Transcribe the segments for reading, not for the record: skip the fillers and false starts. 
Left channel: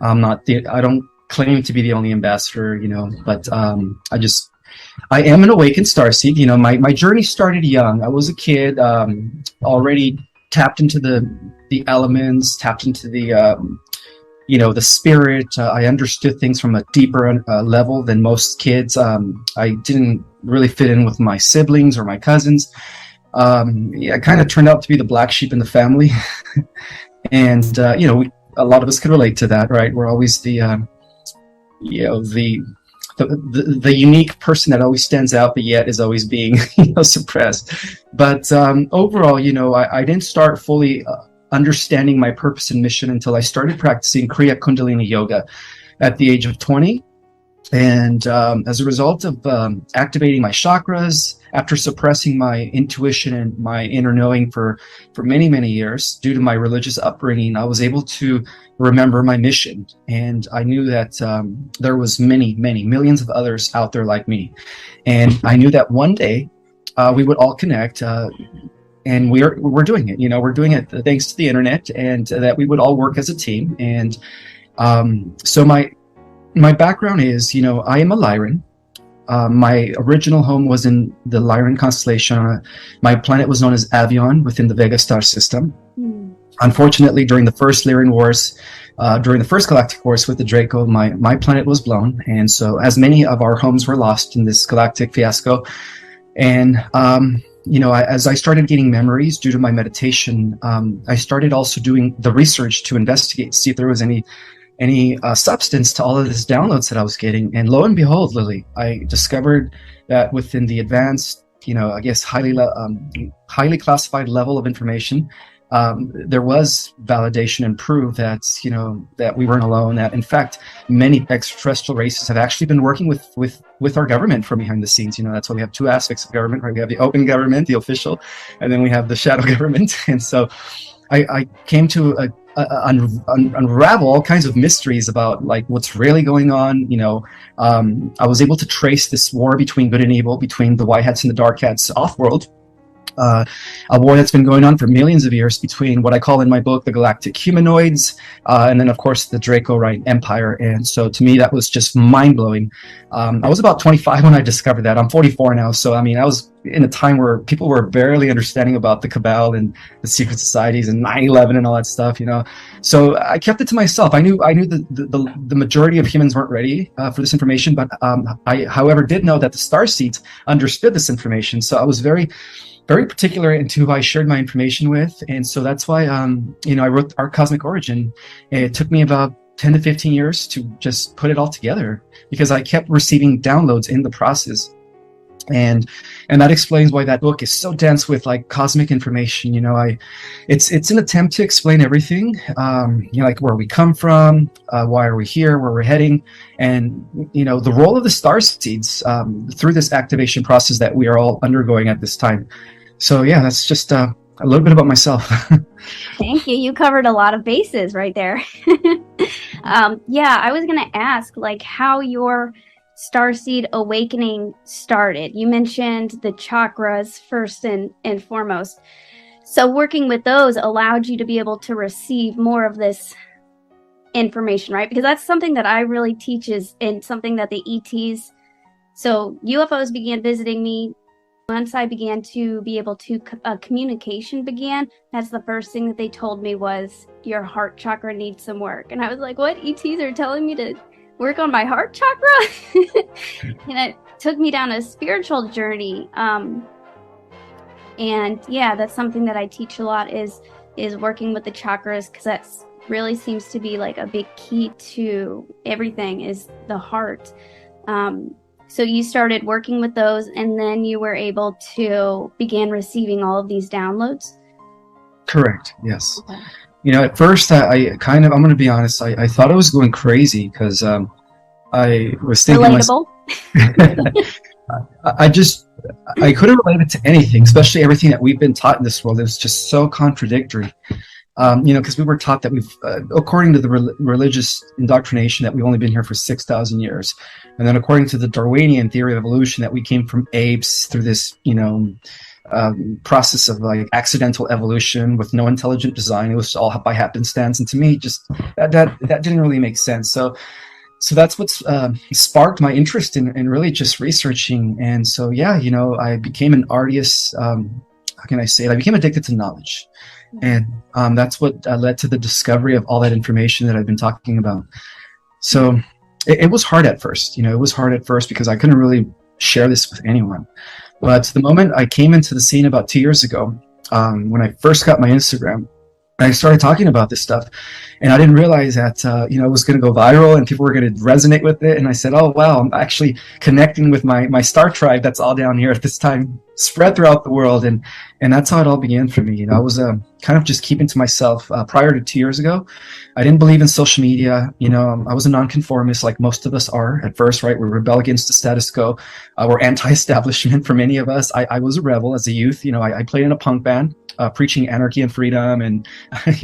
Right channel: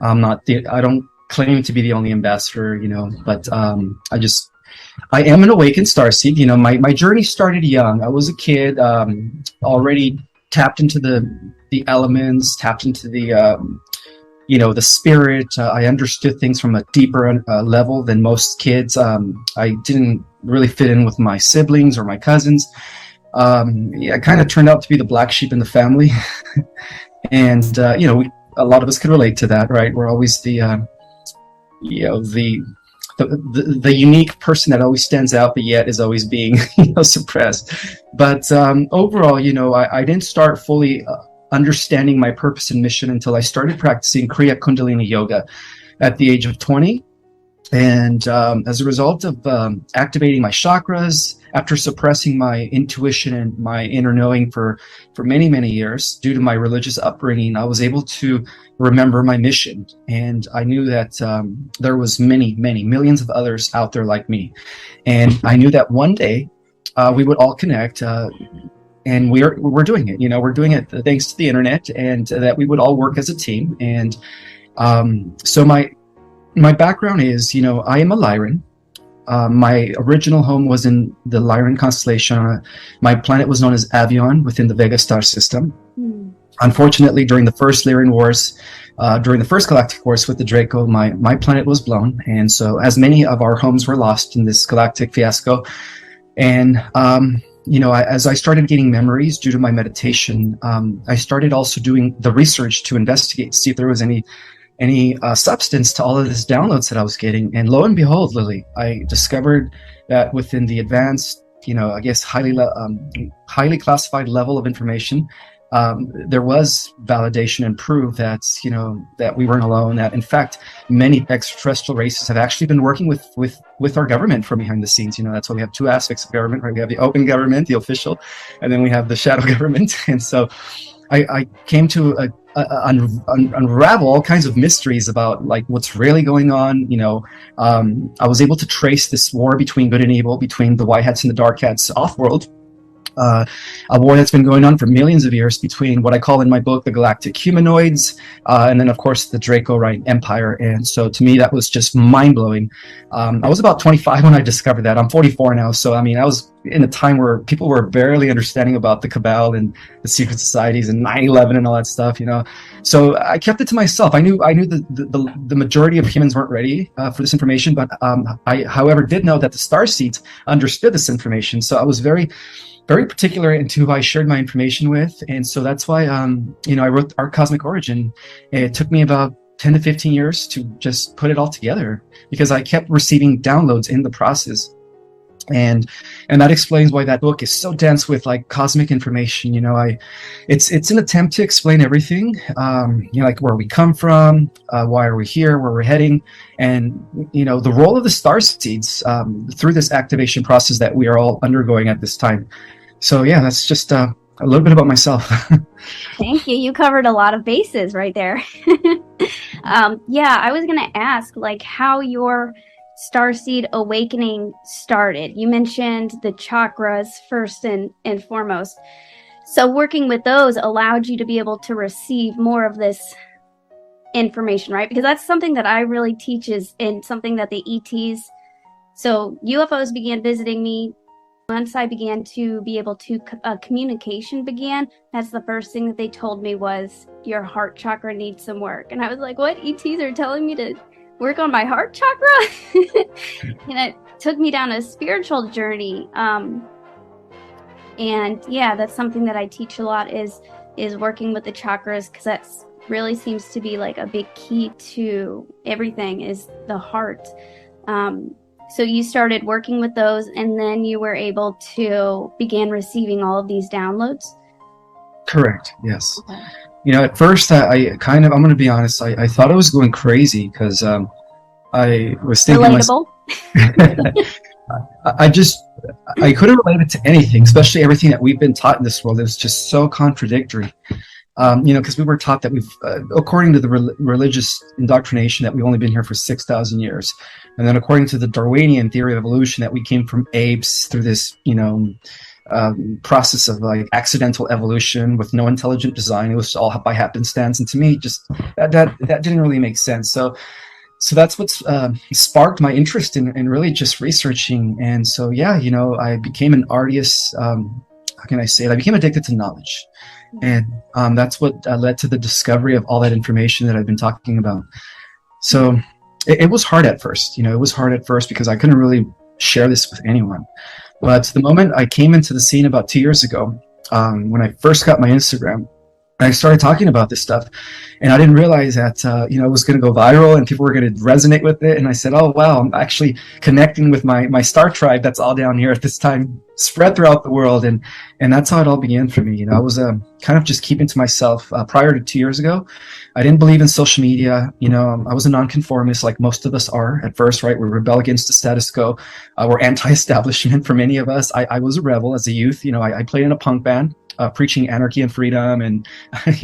I don't claim to be the only ambassador, but I am an awakened starseed. My journey started young. I was a kid, already tapped into the elements, tapped into the spirit. I understood things from a deeper level than most kids. I didn't really fit in with my siblings or my cousins. Yeah, I kind of turned out to be the black sheep in the family, and a lot of us can relate to that, right? We're always you know, the unique person that always stands out, but yet is always being suppressed. But overall, I didn't start fully understanding my purpose and mission until I started practicing Kriya Kundalini Yoga at the age of 20. And as a result of activating my chakras, after suppressing my intuition and my inner knowing for many, many years, due to my religious upbringing, I was able to remember my mission. And I knew that there was many, many millions of others out there like me. And I knew that one day we would all connect. And we're doing it. We're doing it thanks to the internet, and that we would all work as a team. And so my background is, I am a Lyran. My original home was in the Lyran constellation. My planet was known as Avion within the Vega star system. Unfortunately, during the first Lyran Wars, during the first Galactic Wars with the Draco, my planet was blown. And so as many of our homes were lost in this galactic fiasco. And, as I started getting memories due to my meditation, I started also doing the research to investigate, see if there was any substance to all of this downloads that I was getting. And lo and behold, Lily, I discovered that within the advanced, I guess highly classified level of information, there was validation and proof that, that we weren't alone, that in fact, many extraterrestrial races have actually been working with our government from behind the scenes. That's why we have two aspects of government, right? We have the open government, the official, and then we have the shadow government. And so I came to unravel all kinds of mysteries about like what's really going on. I was able to trace this war between good and evil, between the white hats and the dark hats off-world. A war that's been going on for millions of years between what I call in my book the galactic humanoids, and then of course the Draco-Rite Empire. And so to me that was just mind-blowing. I was about 25 when I discovered that. I'm 44 now, so I was in a time where people were barely understanding about the Cabal and the secret societies and 9/11 and all that stuff. So I kept it to myself. I knew the majority of humans weren't ready for this information, but I, however, did know that the starseeds understood this information. So I was very particular into who I shared my information with. And so that's why, I wrote Our Cosmic Origin. And it took me about 10 to 15 years to just put it all together because I kept receiving downloads in the process. And that explains why that book is so dense with like cosmic information. It's an attempt to explain everything, like where we come from, why are we here, where we're heading, and the role of the star seeds through this activation process that we are all undergoing at this time. So yeah, that's just a little bit about myself. Thank you. You covered a lot of bases right there. Yeah, I was going to ask like how your starseed awakening started. You mentioned the chakras first and foremost. So working with those allowed you to be able to receive more of this information, right? Because that's something that I really teach is and something that the ETs, so UFOs began visiting me. Once I began to be able to, communication began, that's the first thing that they told me was, your heart chakra needs some work. And I was like, what? ETs are telling me to work on my heart chakra? And it took me down a spiritual journey. And yeah, that's something that I teach a lot is working with the chakras, because that really seems to be like a big key to everything is the heart. So you started working with those, and then you were able to begin receiving all of these downloads? Correct, yes. Okay. At first, I'm going to be honest, I thought I was going crazy because I was thinking Relatable? I couldn't relate it to anything, especially everything that we've been taught in this world. It was just so contradictory. Because we were taught that according to the religious indoctrination, that we've only been here for 6,000 years. And then according to the Darwinian theory of evolution, that we came from apes through this, process of like accidental evolution with no intelligent design. It was all by happenstance, and to me, just that didn't really make sense. So that's what's sparked my interest in really just researching. And so, yeah, I became an artist. How can I say it? I became addicted to knowledge. And that's what led to the discovery of all that information that I've been talking about. So it was hard at first. It was hard at first because I couldn't really share this with anyone. But the moment I came into the scene about 2 years ago, when I first got my Instagram, I started talking about this stuff. And I didn't realize that, it was going to go viral and people were going to resonate with it. And I said, oh, wow, I'm actually connecting with my star tribe that's all down here at this time, spread throughout the world. And that's how it all began for me. I was kind of just keeping to myself prior to 2 years ago. I didn't believe in social media. I was a nonconformist like most of us are at first, right? We rebel against the status quo. We're anti-establishment for many of us. I was a rebel as a youth. I played in a punk band. Preaching anarchy and freedom and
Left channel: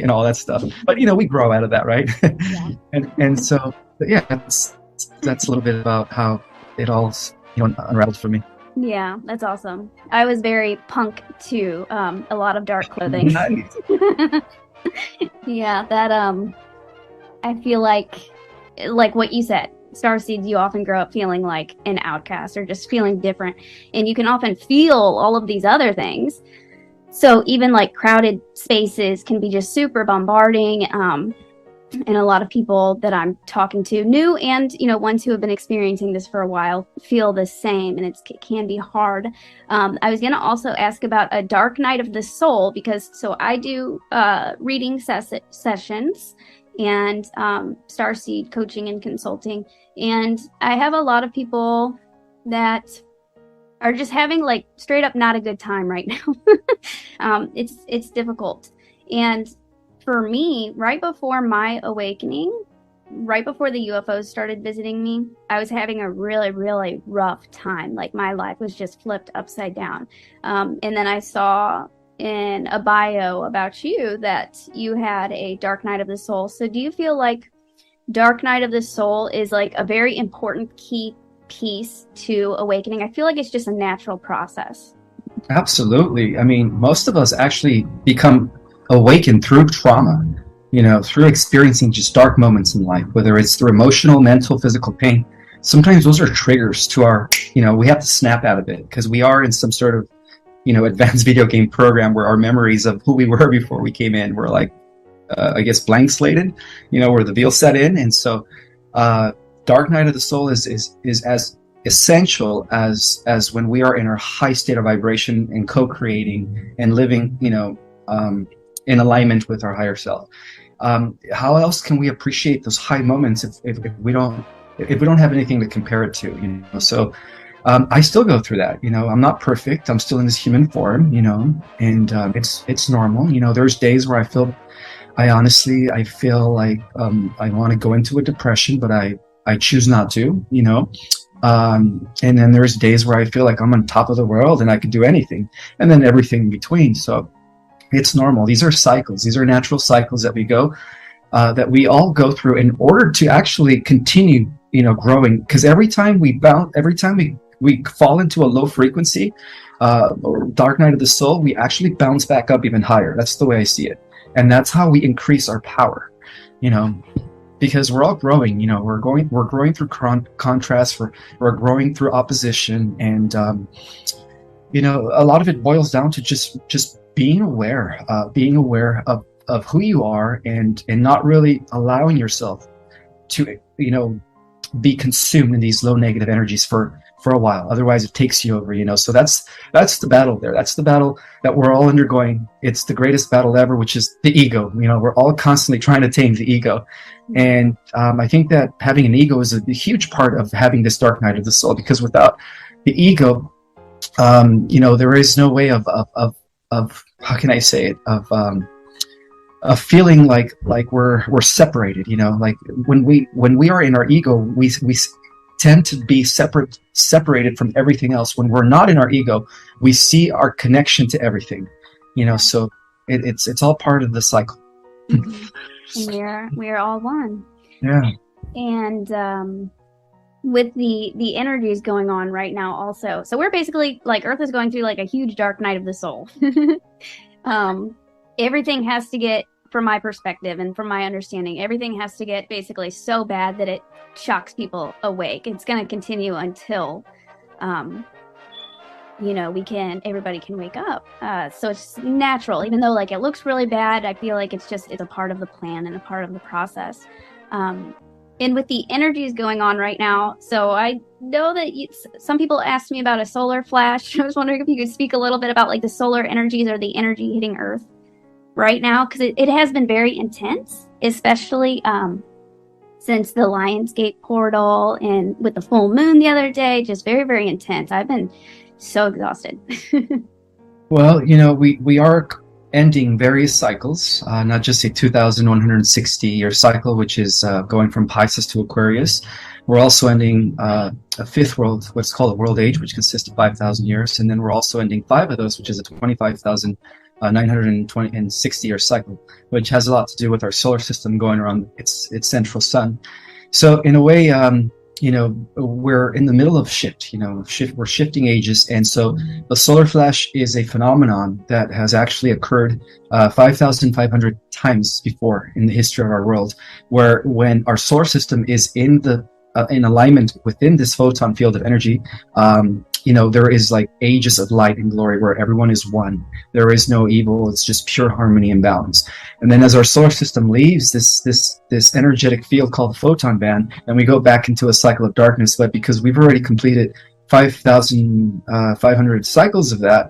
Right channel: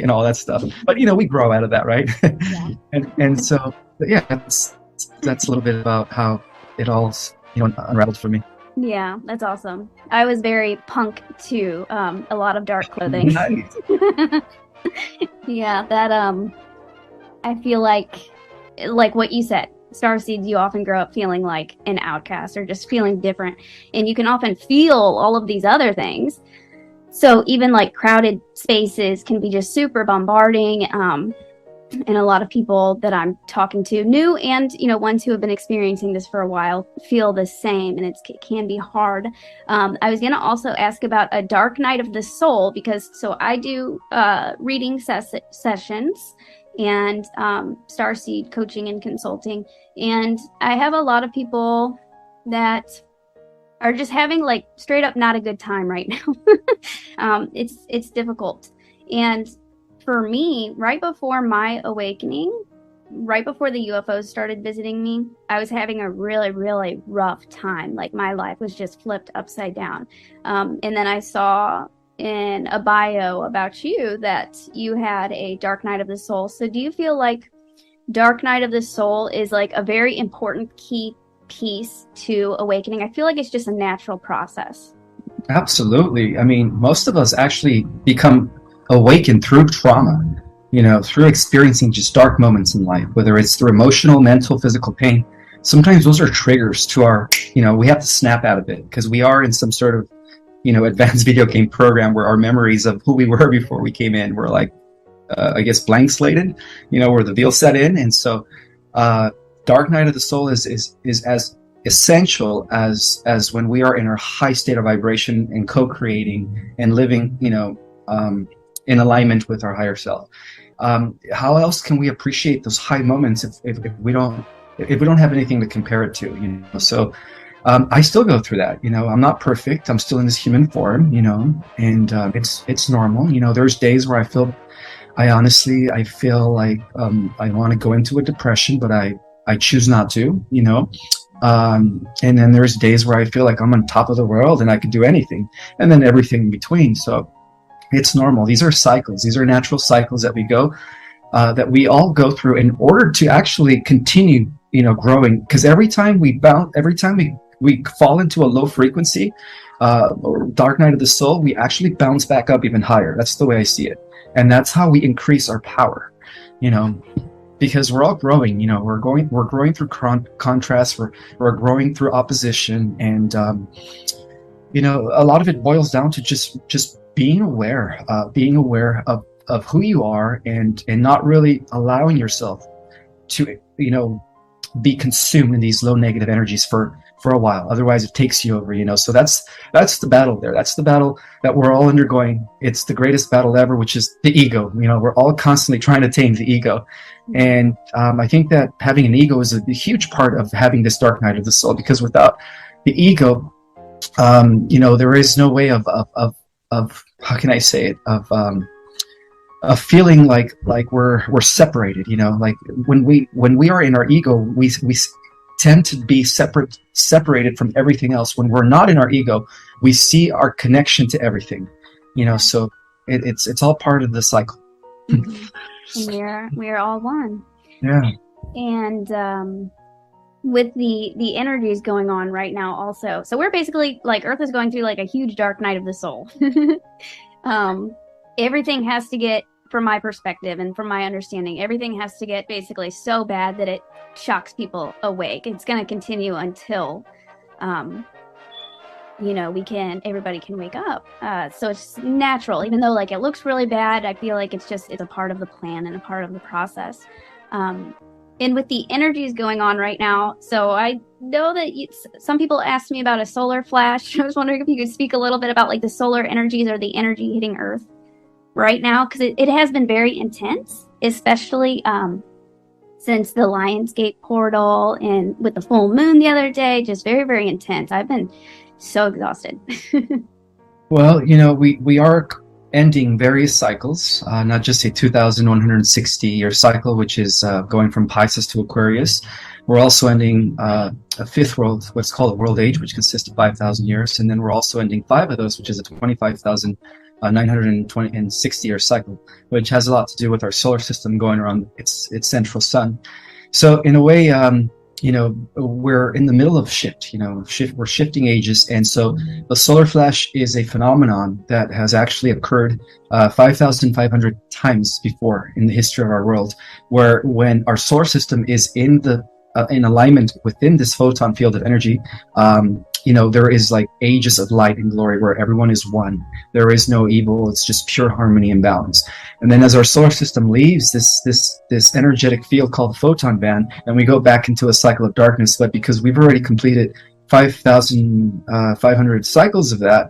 all that stuff, but we grow out of that, right? Yeah. and so, yeah, that's a little bit about how it all unraveled for me. Yeah, that's awesome. I was very punk too. A lot of dark clothing. Yeah, that I feel like what you said, starseeds, you often grow up feeling like an outcast or just feeling different, and you can often feel all of these other things. So even like crowded spaces can be just super bombarding. And a lot of people that I'm talking to, new and, ones who have been experiencing this for a while, feel the same, and it can be hard. I was going to also ask about a dark night of the soul, because so I do reading sessions and starseed coaching and consulting. And I have a lot of people that are just having like straight up not a good time right now. It's difficult. And for me, right before my awakening, right before the UFOs started visiting me, I was having a really, really rough time. Like my life was just flipped upside down. And then I saw in a bio about you that you had a dark night of the soul. So do you feel like dark night of the soul is like a very important key piece to awakening? I feel like it's just a natural process. Absolutely. I mean, most of us actually become awakened through trauma, through experiencing just dark moments in life, whether it's through emotional, mental, physical pain. Sometimes those are triggers to our, we have to snap out of it because we are in some sort of, advanced video game program where our memories of who we were before we came in were like, I guess, blank slated, where the veil set in. And so, dark night of the soul is as essential as when we are in our high state of vibration and co-creating and living, in alignment with our higher self. How else can we appreciate those high moments if we don't have anything to compare it to? So I still go through that. I'm not perfect. I'm still in this human form. And it's normal. There's days where I honestly feel like I want to go into a depression, but I choose not to, and then there's days where I feel like I'm on top of the world and I can do anything, and then everything in between. So it's normal. These are cycles. These are natural cycles that that we all go through in order to actually continue, growing. Because every time we fall into a low frequency, or dark night of the soul, we actually bounce back up even higher. That's the way I see it. And that's how we increase our power, because we're all growing, we're growing through contrast, we're growing through opposition. And, a lot of it boils down to just being aware of who you are and not really allowing yourself to, be consumed in these low negative energies for a while. Otherwise it takes you over, so that's the battle there. That's the battle that we're all undergoing. It's the greatest battle ever, which is the ego. We're all constantly trying to tame the ego. And I think that having an ego is a huge part of having this dark night of the soul, because without the ego, there is no way of how can I say it, of feeling like we're separated, like when we are in our ego, we tend to be separated from everything else. When we're not in our ego, we see our connection to everything, so it's all part of the cycle. We're all one. Yeah. And with the energies going on right now also. So we're basically like Earth is going through like a huge dark night of the soul. um, everything has to get, from my perspective and from my understanding, everything has to get basically so bad that it shocks people awake. It's going to continue until, everybody can wake up. So it's natural, even though like it looks really bad. I feel like it's a part of the plan and a part of the process. And with the energies going on right now, so I know that some people asked me about a solar flash. I was wondering if you could speak a little bit about like the solar energies or the energy hitting Earth right now, because it has been very intense, especially since the Lionsgate portal and with the full moon the other day. Just very, very intense. I've been so exhausted. Well, we are ending various cycles, not just a 2,160-year cycle, which is going from Pisces to Aquarius. We're also ending a fifth world, what's called a world age, which consists of 5,000 years. And then we're also ending five of those, which is a 25,960-year cycle, which has a lot to do with our solar system going around its central sun. So in a way, we're in the middle of we're shifting ages. And so a solar flash is a phenomenon that has actually occurred 5,500 times before in the history of our world, where when our solar system is in alignment within this photon field of energy, there is like ages of light and glory where everyone is one. There is no evil. It's just pure harmony and balance. And then as our solar system leaves this energetic field called the photon band, and we go back into a cycle of darkness, but because we've already completed 5,500 cycles of that,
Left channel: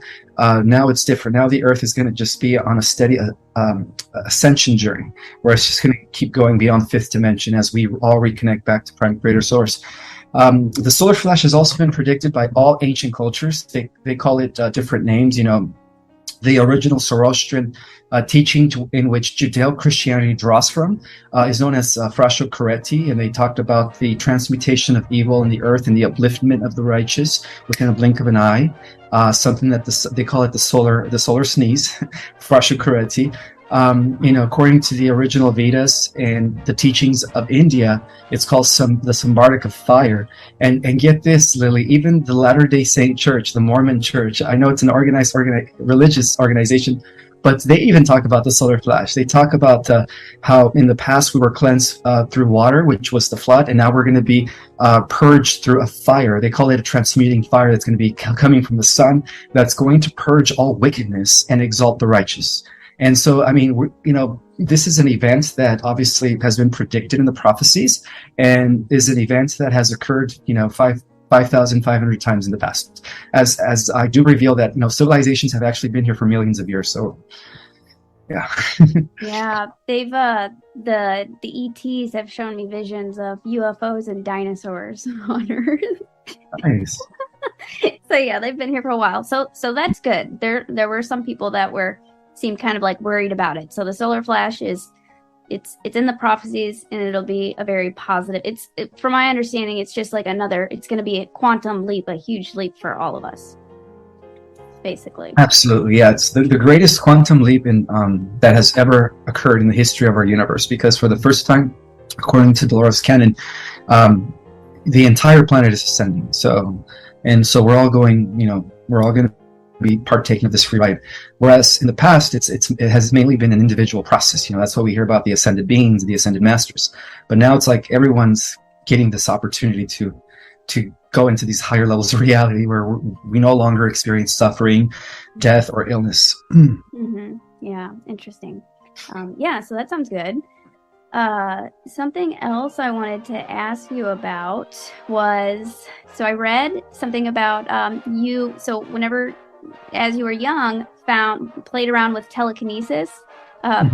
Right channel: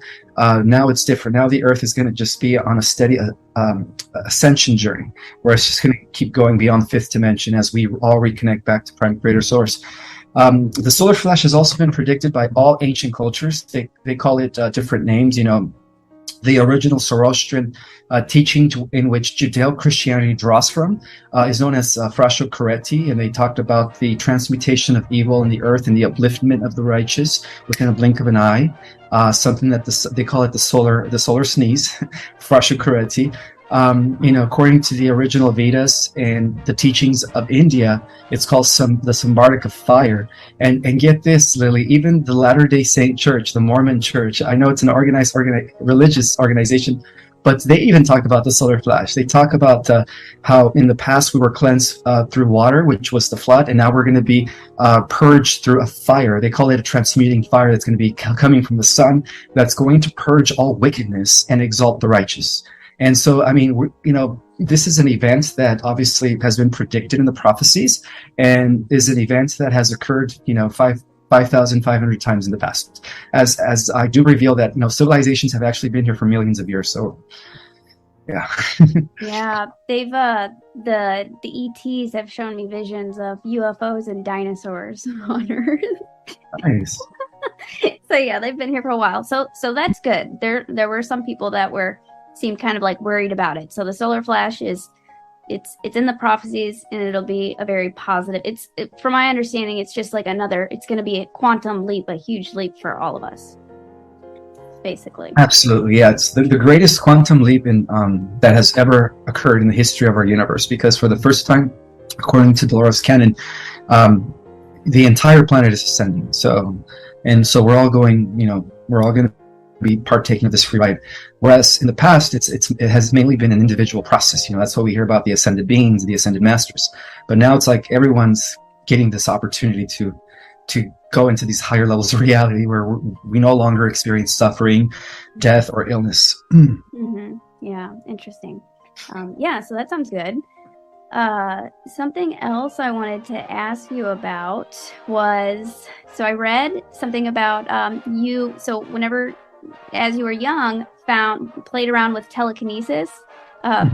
now it's different. Now the Earth is going to just be on a steady ascension journey, where it's just going to keep going beyond the fifth dimension as we all reconnect back to Prime Creator Source. The solar flash has also been predicted by all ancient cultures. They call it different names. The original Zoroastrian teaching in which Judeo-Christianity draws from is known as Frasho Coretti, and they talked about the transmutation of evil in the earth and the upliftment of the righteous within a blink of an eye. Something that they call it the solar sneeze, Frasho Coretti. According to the original Vedas and the teachings of India, it's called the Sambartaka fire. And get this, Lily, even the Latter-day Saint Church, the Mormon Church, I know it's an organized religious organization, but they even talk about the solar flash. They talk about how in the past we were cleansed through water, which was the flood, and now we're going to be purged through a fire. They call it a transmuting fire that's going to be coming from the sun, that's going to purge all wickedness and exalt the righteous. And so, this is an event that obviously has been predicted in the prophecies, and is an event that has occurred, 5,500 times in the past. As I do reveal that, civilizations have actually been here for millions of years. So, yeah. Yeah, they've the ETs have shown me visions of UFOs and dinosaurs on Earth. Nice. So yeah, they've been here for a while. So that's good. There were some people that seemed kind of like worried about it. So the solar flash it's in the prophecies, and it'll be a very positive. From my understanding, it's just like it's going to be a quantum leap, a huge leap for all of us, basically. Absolutely, yeah. It's the greatest quantum leap that has ever occurred in the history of our universe, because for the first time, according to Dolores Cannon, the entire planet is ascending. So we're all going, we're all going to be partaking of this free ride. Whereas in the past, it has mainly been an individual process. That's what we hear about the ascended beings, the ascended masters. But now it's like everyone's getting this opportunity to go into these higher levels of reality where we no longer experience suffering, death, or illness. Mm-hmm. Yeah, interesting. So that sounds good. Something else I wanted to ask you about was, so I read something about you. So whenever, as you were young, played around with telekinesis.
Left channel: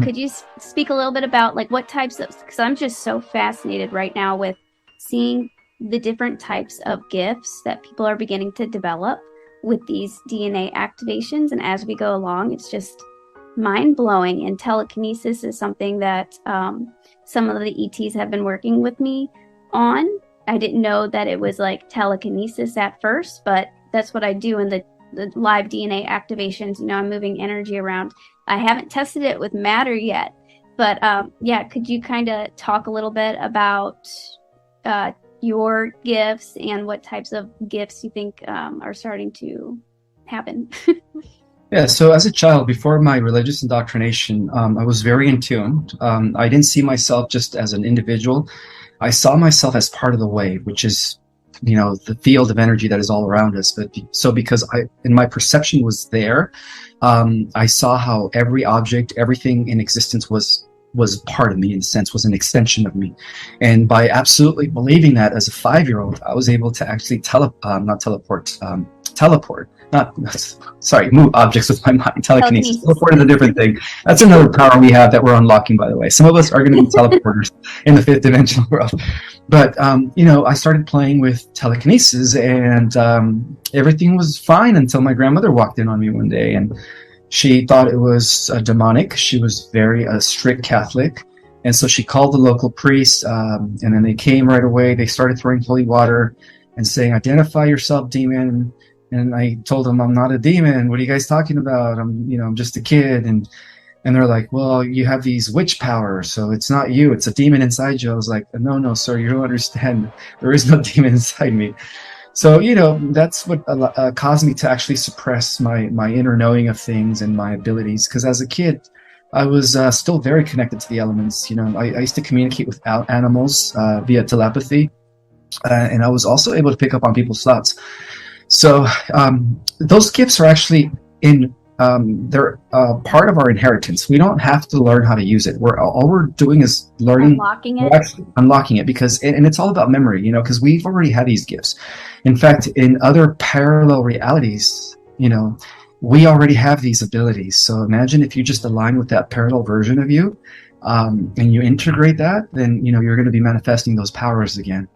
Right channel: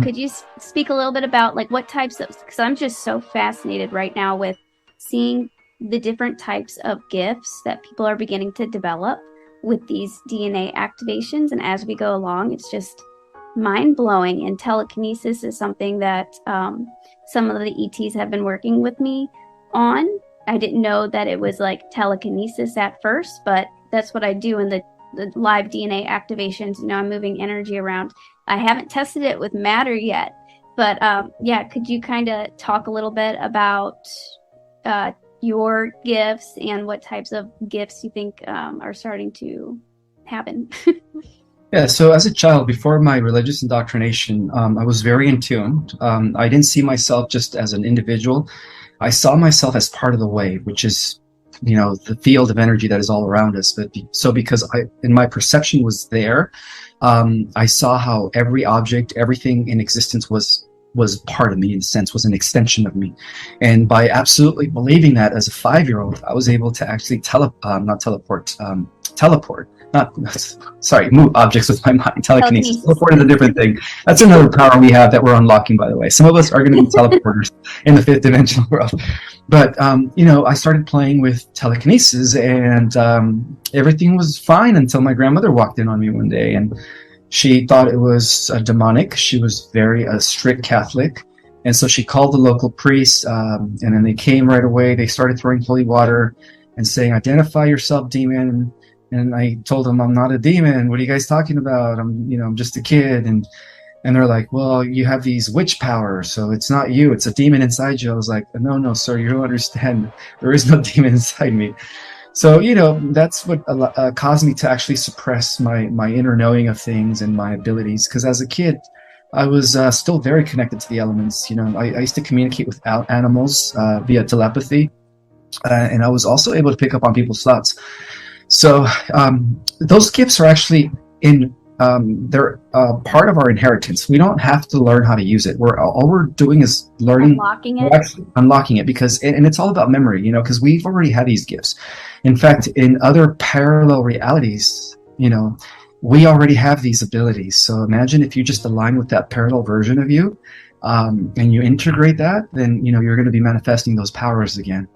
Could you speak a little bit about like what types of? Because I'm just so fascinated right now with seeing the different types of gifts that people are beginning to develop with these DNA activations, and as we go along, it's just mind-blowing. And telekinesis is something that some of the ETs have been working with me on. I didn't know that it was like telekinesis at first, but that's what I do in the live DNA activations. I'm moving energy around. I haven't tested it with matter yet, but could you kind of talk a little bit about your gifts and what types of gifts you think are starting to happen. Yeah, so as a child, before my religious indoctrination, I was very in tune. I didn't see myself just as an individual. I saw myself as part of the way, which is, the field of energy that is all around us. So because in my perception was there, I saw how every object, everything in existence was part of me, in a sense, was an extension of me. And by absolutely believing that as a 5-year-old, I was able to actually move objects with my mind. Telekinesis. Teleport is a different thing. That's another power we have that we're unlocking, by the way. Some of us are going to be teleporters in the fifth dimensional world. But, I started playing with telekinesis, and everything was fine until my grandmother walked in on me one day, and she thought it was demonic. She was very strict Catholic. And so she called the local priest, and then they came right away. They started throwing holy water and saying, "Identify yourself, demon." And I told them, "I'm not a demon. What are you guys talking about? I'm just a kid." And they're like, "Well, you have these witch powers, so it's not you. It's a demon inside you." I was like, "No, sir, you don't understand. There is no demon inside me." So, that's what caused me to actually suppress my inner knowing of things and my abilities. Because as a kid, I was still very connected to the elements. I used to communicate with animals via telepathy. And I was also able to pick up on people's thoughts. So those gifts are actually they're part of our inheritance. We don't have to learn how to use it. All we're doing is learning, unlocking it, because and it's all about memory, because we've already had these gifts. In fact, in other parallel realities, we already have these abilities. So imagine if you just align with that parallel version of you, and you integrate that, then you're going to be manifesting those powers again.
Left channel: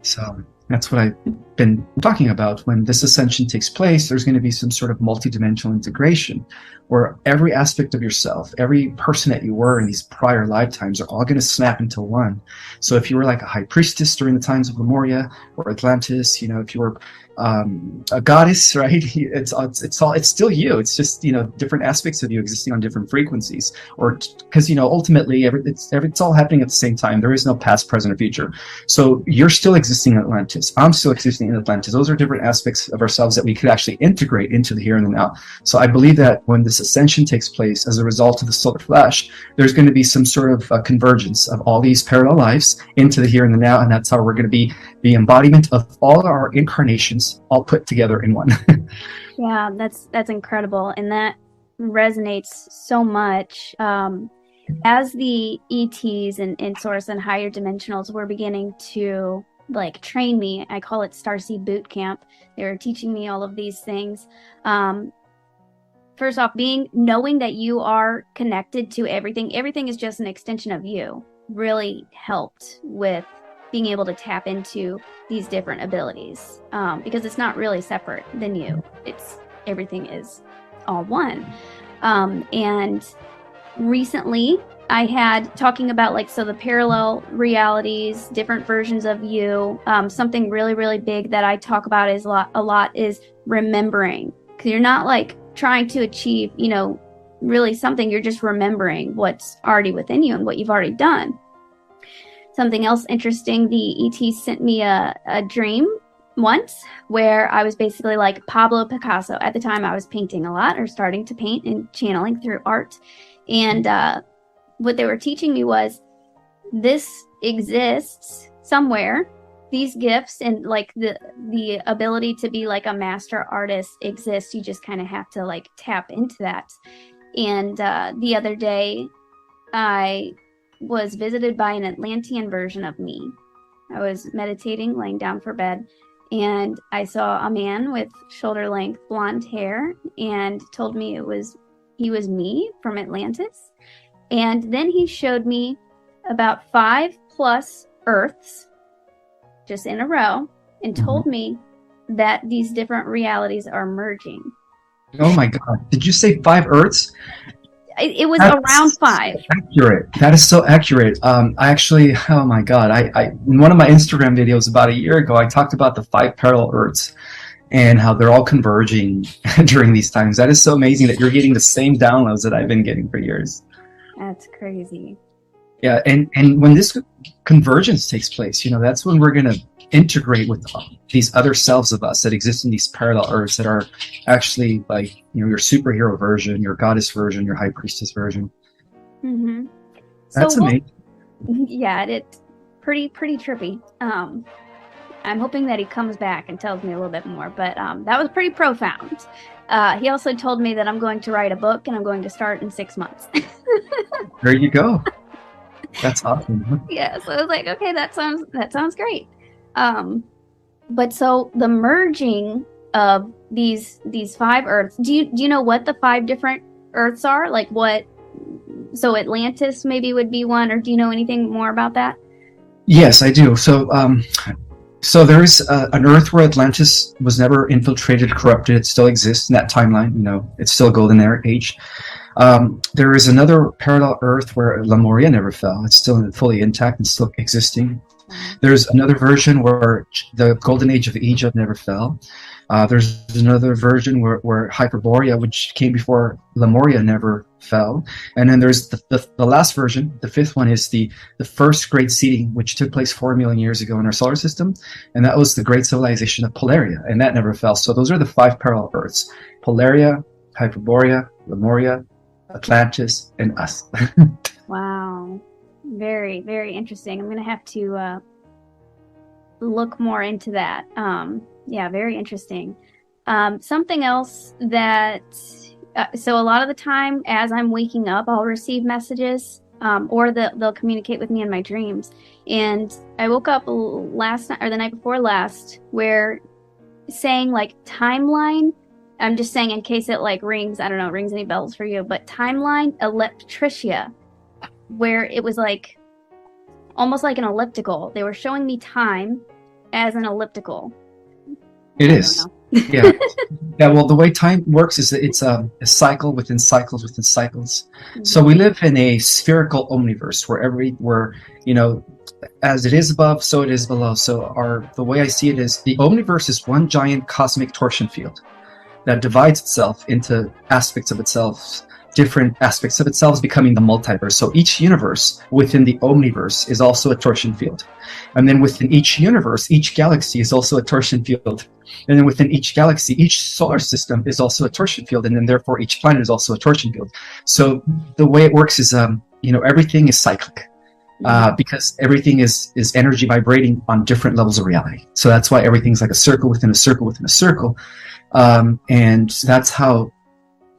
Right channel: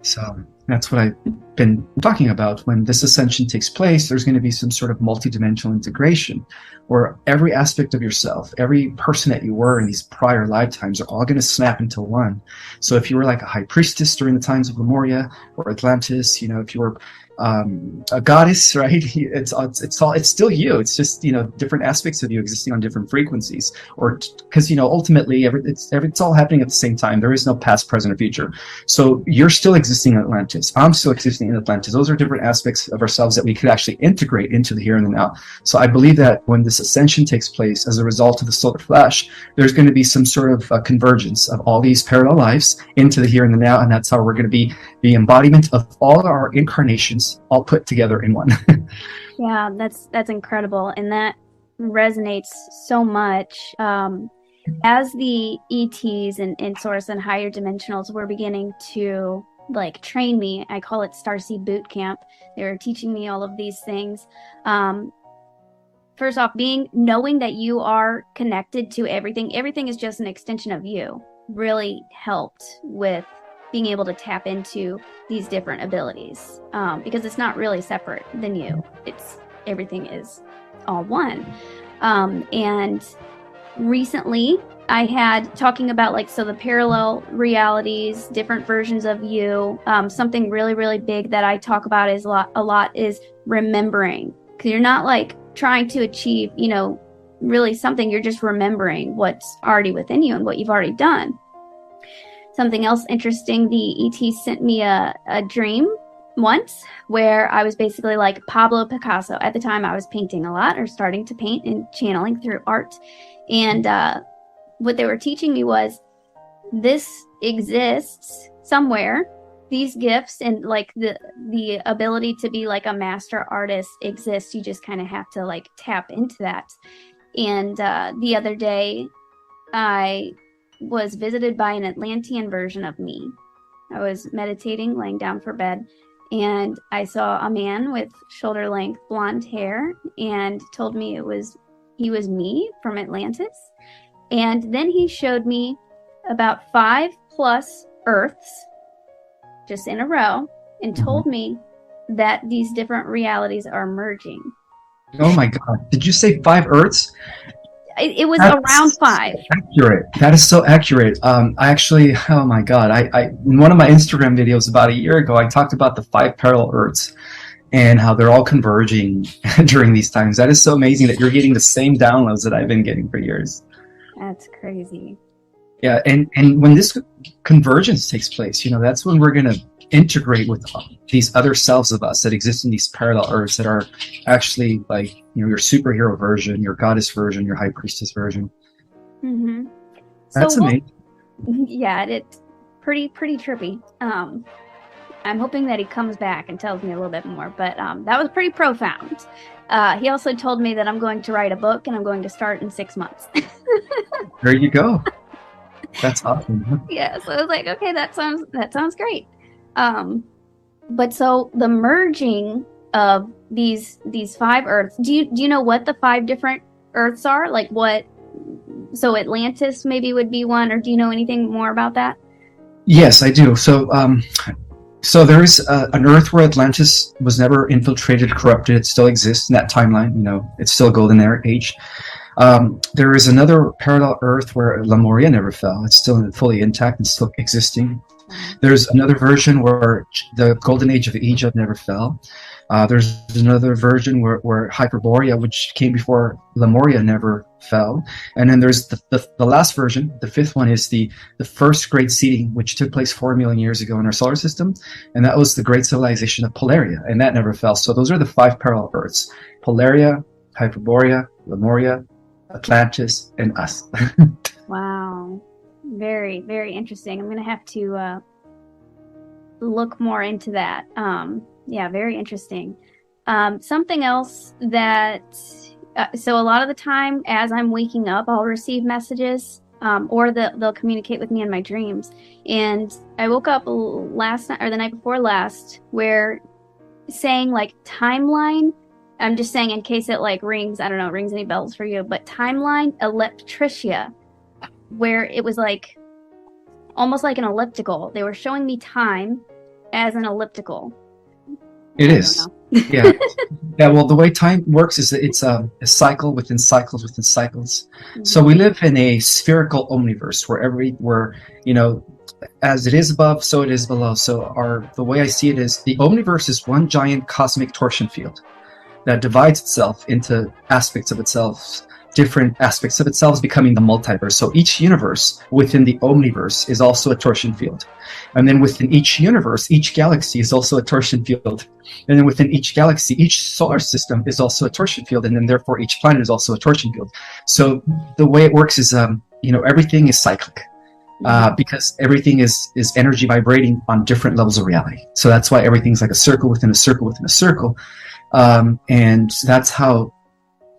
So that's what I've been talking about. When this ascension takes place, there's going to be some sort of multidimensional integration where every aspect of yourself, every person that you were in these prior lifetimes are all going to snap into one. So if you were like a high priestess during the times of Lemuria or Atlantis, if you were a goddess, right? It's still you. It's just different aspects of you existing on different frequencies, or because ultimately it's all happening at the same time. There is no past, present, or future. So you're still existing in Atlantis. I'm still existing in Atlantis. Those are different aspects of ourselves that we could actually integrate into the here and the now. So I believe that when this ascension takes place as a result of the solar flash, there's going to be some sort of convergence of all these parallel lives into the here and the now, and that's how we're going to be the embodiment of all our incarnations all put together in one. Yeah, that's incredible, and that resonates so much. As the ETs and source and higher dimensionals were beginning to train me, I call it Starseed Boot Camp. They're teaching me all of these things. First off, knowing that you are connected to everything is just an extension of you, really helped with being able to tap into these different abilities, because it's not really separate than you. Everything is all one. And recently I had talking about the parallel realities, different versions of you. Something really, really big that I talk about is a lot is remembering. Because you're not trying to achieve, really something. You're just remembering what's already within you and what you've already done. Something else interesting, the ET sent me a dream once where I was basically like Pablo Picasso. At the time, I was painting a lot, or starting to paint and channeling through art. And what they were teaching me was, this exists somewhere. These gifts and the ability to be a master artist exists. You just kind of have to tap into that. And the other day, I was visited by an Atlantean version of me. I was meditating, laying down for bed, and I saw a man with shoulder-length blonde hair, and told me he was me from Atlantis. And then he showed me about 5+ Earths just in a row, and told me that these different realities are merging. Oh my God! Did you say 5 Earths? It was around 5. Accurate. That is so accurate. I actually, oh my God, I in one of my Instagram videos about a year ago, I talked about the 5 parallel Earths and how they're all converging during these times. That is so amazing that you're getting the same downloads that I've been getting for years. That's crazy. Yeah, and when this convergence takes place. That's when we're going to integrate with these other selves of us that exist in these parallel Earths that are actually like, your superhero version, your goddess version, your high priestess version. Mm-hmm. That's amazing. Yeah, it's pretty trippy. I'm hoping that he comes back and tells me a little bit more, but that was pretty profound. He also told me that I'm going to write a book and I'm going to start in 6 months. There you go. That's awesome. Yeah, so I was like, okay, that sounds great. But so the merging of these 5 Earths, do you know what the 5 different Earths are? Like what? So Atlantis maybe would be one, or do you know anything more about that? Yes, I do. So there is an Earth where Atlantis was never infiltrated, corrupted. It still exists in that timeline. It's still a golden age. There is another parallel Earth where Lemuria never fell. It's still fully intact and still existing. There's another version where the golden age of Egypt never fell. There's another version where Hyperborea, which came before Lemuria, never fell. And then there's the last version, the 5th one, is the first great seeding, which took place 4 million years ago in our solar system. And that was the great civilization of Polaria, and that never fell. So those are the 5 parallel Earths: Polaria, Hyperborea, Lemuria, Atlantis, and us. Wow. Very, very interesting. I'm going to have to look more into that. Yeah, very interesting. Something else that, so a lot of the time as I'm waking up, I'll receive messages, or they'll communicate with me in my dreams. And I woke up last night, or the night before last, where saying like timeline, I'm just saying in case it like rings, I don't know, rings any bells for you, but timeline electricia, where it was like almost like an elliptical. They were showing me time as an elliptical. It is. Yeah. Yeah. Well, the way time works is that it's a cycle within cycles within cycles. Mm-hmm. So we live in a spherical omniverse where as it is above, so it is below. So the way I see it is the omniverse is one giant cosmic torsion field that divides itself into aspects of itself. Different aspects of itself becoming the multiverse. So each universe within the omniverse is also a torsion field. And then within each universe, each galaxy is also a torsion field. And then within each galaxy, each solar system is also a torsion field. And then therefore each planet is also a torsion field. So the way it works is, everything is cyclic. Because everything is energy vibrating on different levels of reality. So that's why everything's like a circle within a circle within a circle. And that's how,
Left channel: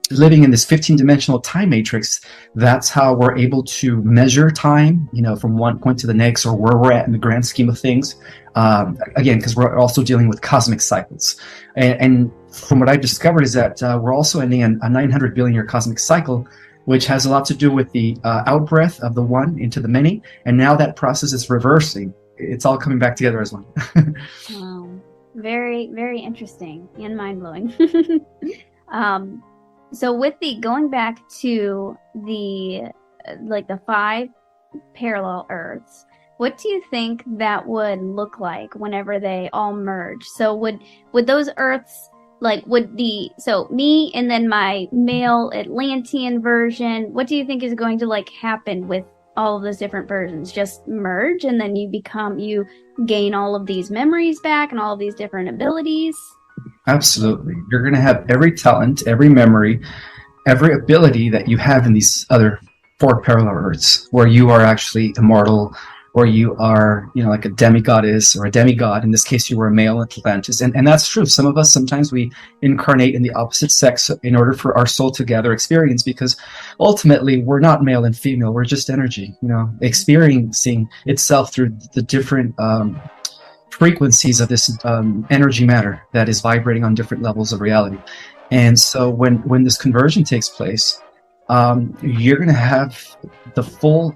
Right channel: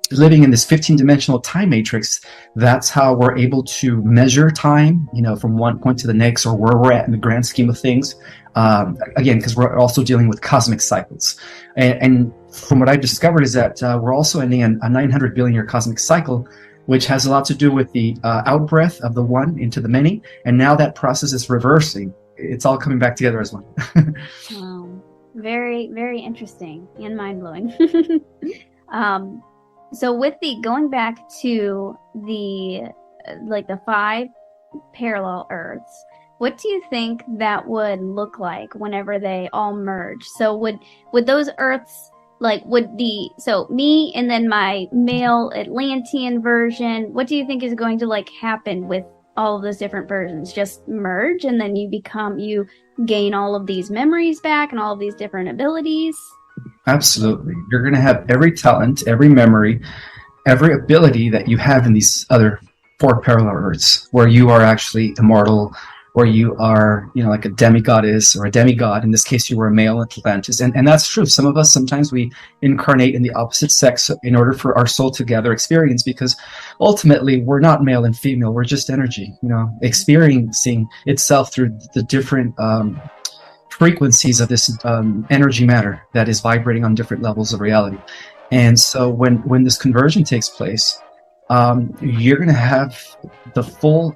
living in this 15-dimensional time matrix, that's how we're able to measure time, from one point to the next, or where we're at in the grand scheme of things. Again, because we're also dealing with cosmic cycles. And from what I've discovered is that we're also ending a 900 billion year cosmic cycle, which has a lot to do with the out-breath of the one into the many. And now that process is reversing. It's all coming back together as one. Wow. Very, very interesting and mind-blowing. So with going back to the 5 parallel Earths, what do you think that would look like whenever they all merge? So would those Earths, so me and then my male Atlantean version, what do you think is going to happen with all of those different versions? Just merge and then you gain all of these memories back and all of these different abilities? Absolutely. You're going to have every talent, every memory, every ability that you have in these other 4 parallel Earths, where you are actually immortal, or you are, like a demigoddess or a demigod. In this case, you were a male Atlantis. And that's true. Some of us, sometimes we incarnate in the opposite sex in order for our soul to gather experience, because ultimately we're not male and female. We're just energy, experiencing itself through the different frequencies of this energy matter that is vibrating on different levels of reality. And so when this conversion takes place, you're going to have the full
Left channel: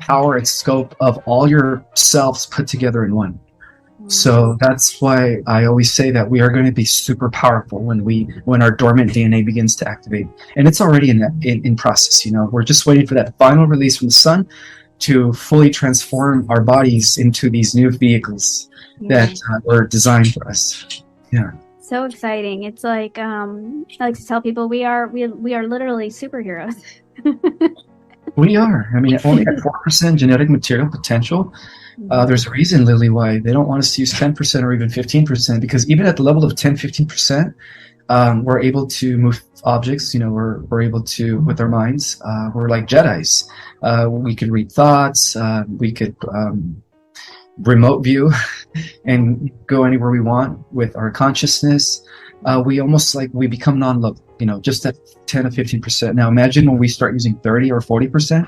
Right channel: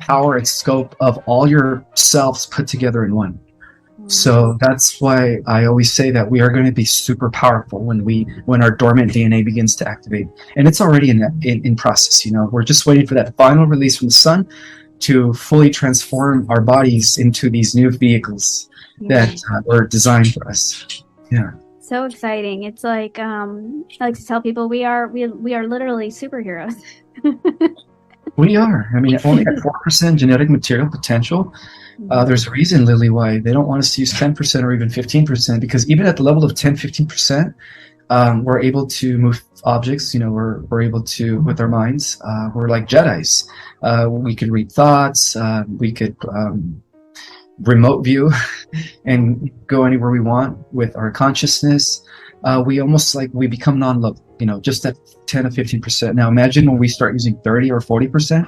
power and scope of all your selves put together in one. So that's why I always say that we are going to be super powerful when our dormant DNA begins to activate. And it's already in process. We're just waiting for that final release from the sun to fully transform our bodies into these new vehicles that were designed for us. Yeah. So exciting. It's like, I like to tell people we are literally superheroes. We are. I mean, only at 4% genetic material potential. There's a reason, Lily, why they don't want us to use 10% or even 15%, because even at the level of 10, 15%, we're able to move objects. We're able to, with our minds, we're like Jedis. We could read thoughts. We could remote view and go anywhere we want with our consciousness. We become non-local, just at 10 or 15%. Now imagine when we start using 30 or 40%.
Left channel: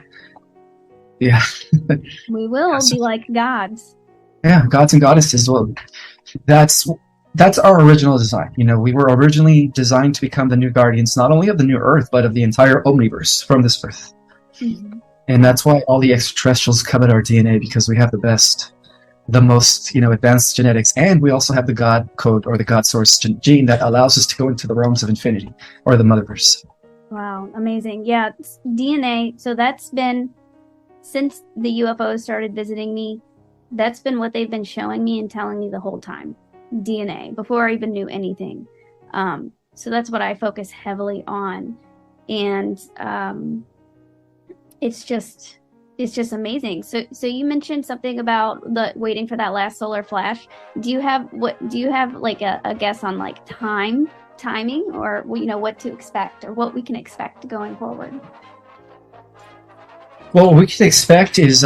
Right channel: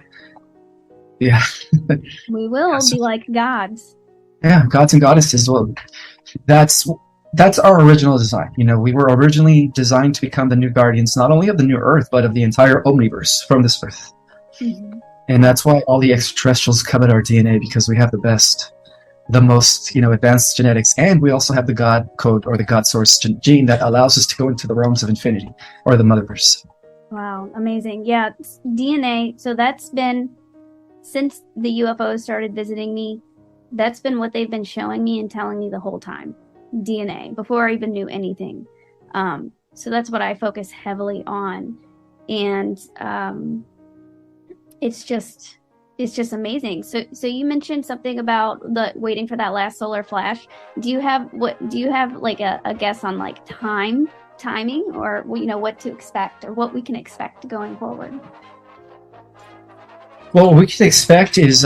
Yeah. We will be like gods. Yeah, gods and goddesses. Well, that's our original design. We were originally designed to become the new guardians, not only of the new Earth, but of the entire omniverse from this Earth. Mm-hmm. And that's why all the extraterrestrials covet our DNA, because we have the most advanced genetics, and we also have the God code or the God source gene that allows us to go into the realms of infinity or the motherverse. Wow, amazing. Yeah, DNA. So that's been, since the UFOs started visiting me, that's been what they've been showing me and telling me the whole time. DNA, before I even knew anything. So that's what I focus heavily on. And it's just amazing. So you mentioned something about the waiting for that last solar flash. Do you have like a guess on like timing, or what to expect, or what we can expect going forward? Well, what we can expect is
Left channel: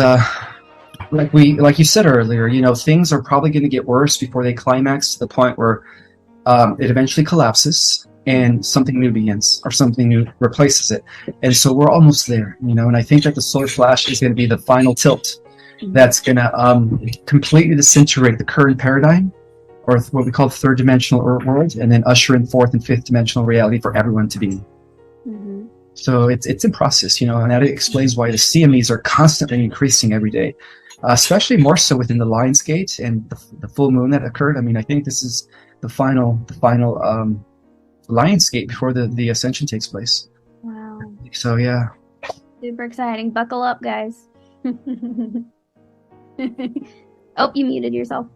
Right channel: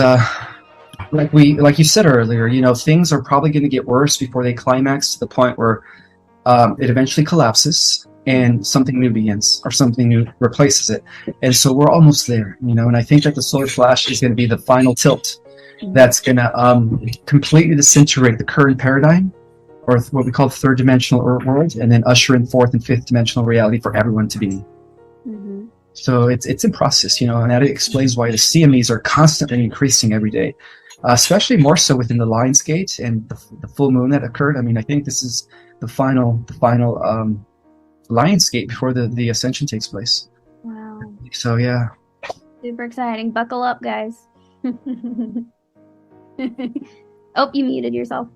like you said earlier, things are probably going to get worse before they climax to the point where it eventually collapses and something new begins, or something new replaces it. And so we're almost there, and I think that the solar flash is going to be the final tilt that's going to completely disintegrate the current paradigm, or what we call the third dimensional world, and then usher in fourth and fifth dimensional reality for everyone to be. Mm-hmm. So it's in process, and that explains why the CMEs are constantly increasing every day, especially more so within the Lion's Gate and the full moon that occurred. I mean, I think this is the final Lion's Gate before the ascension takes place. Wow. So yeah. Super exciting. Buckle up, guys. Oh, you muted yourself.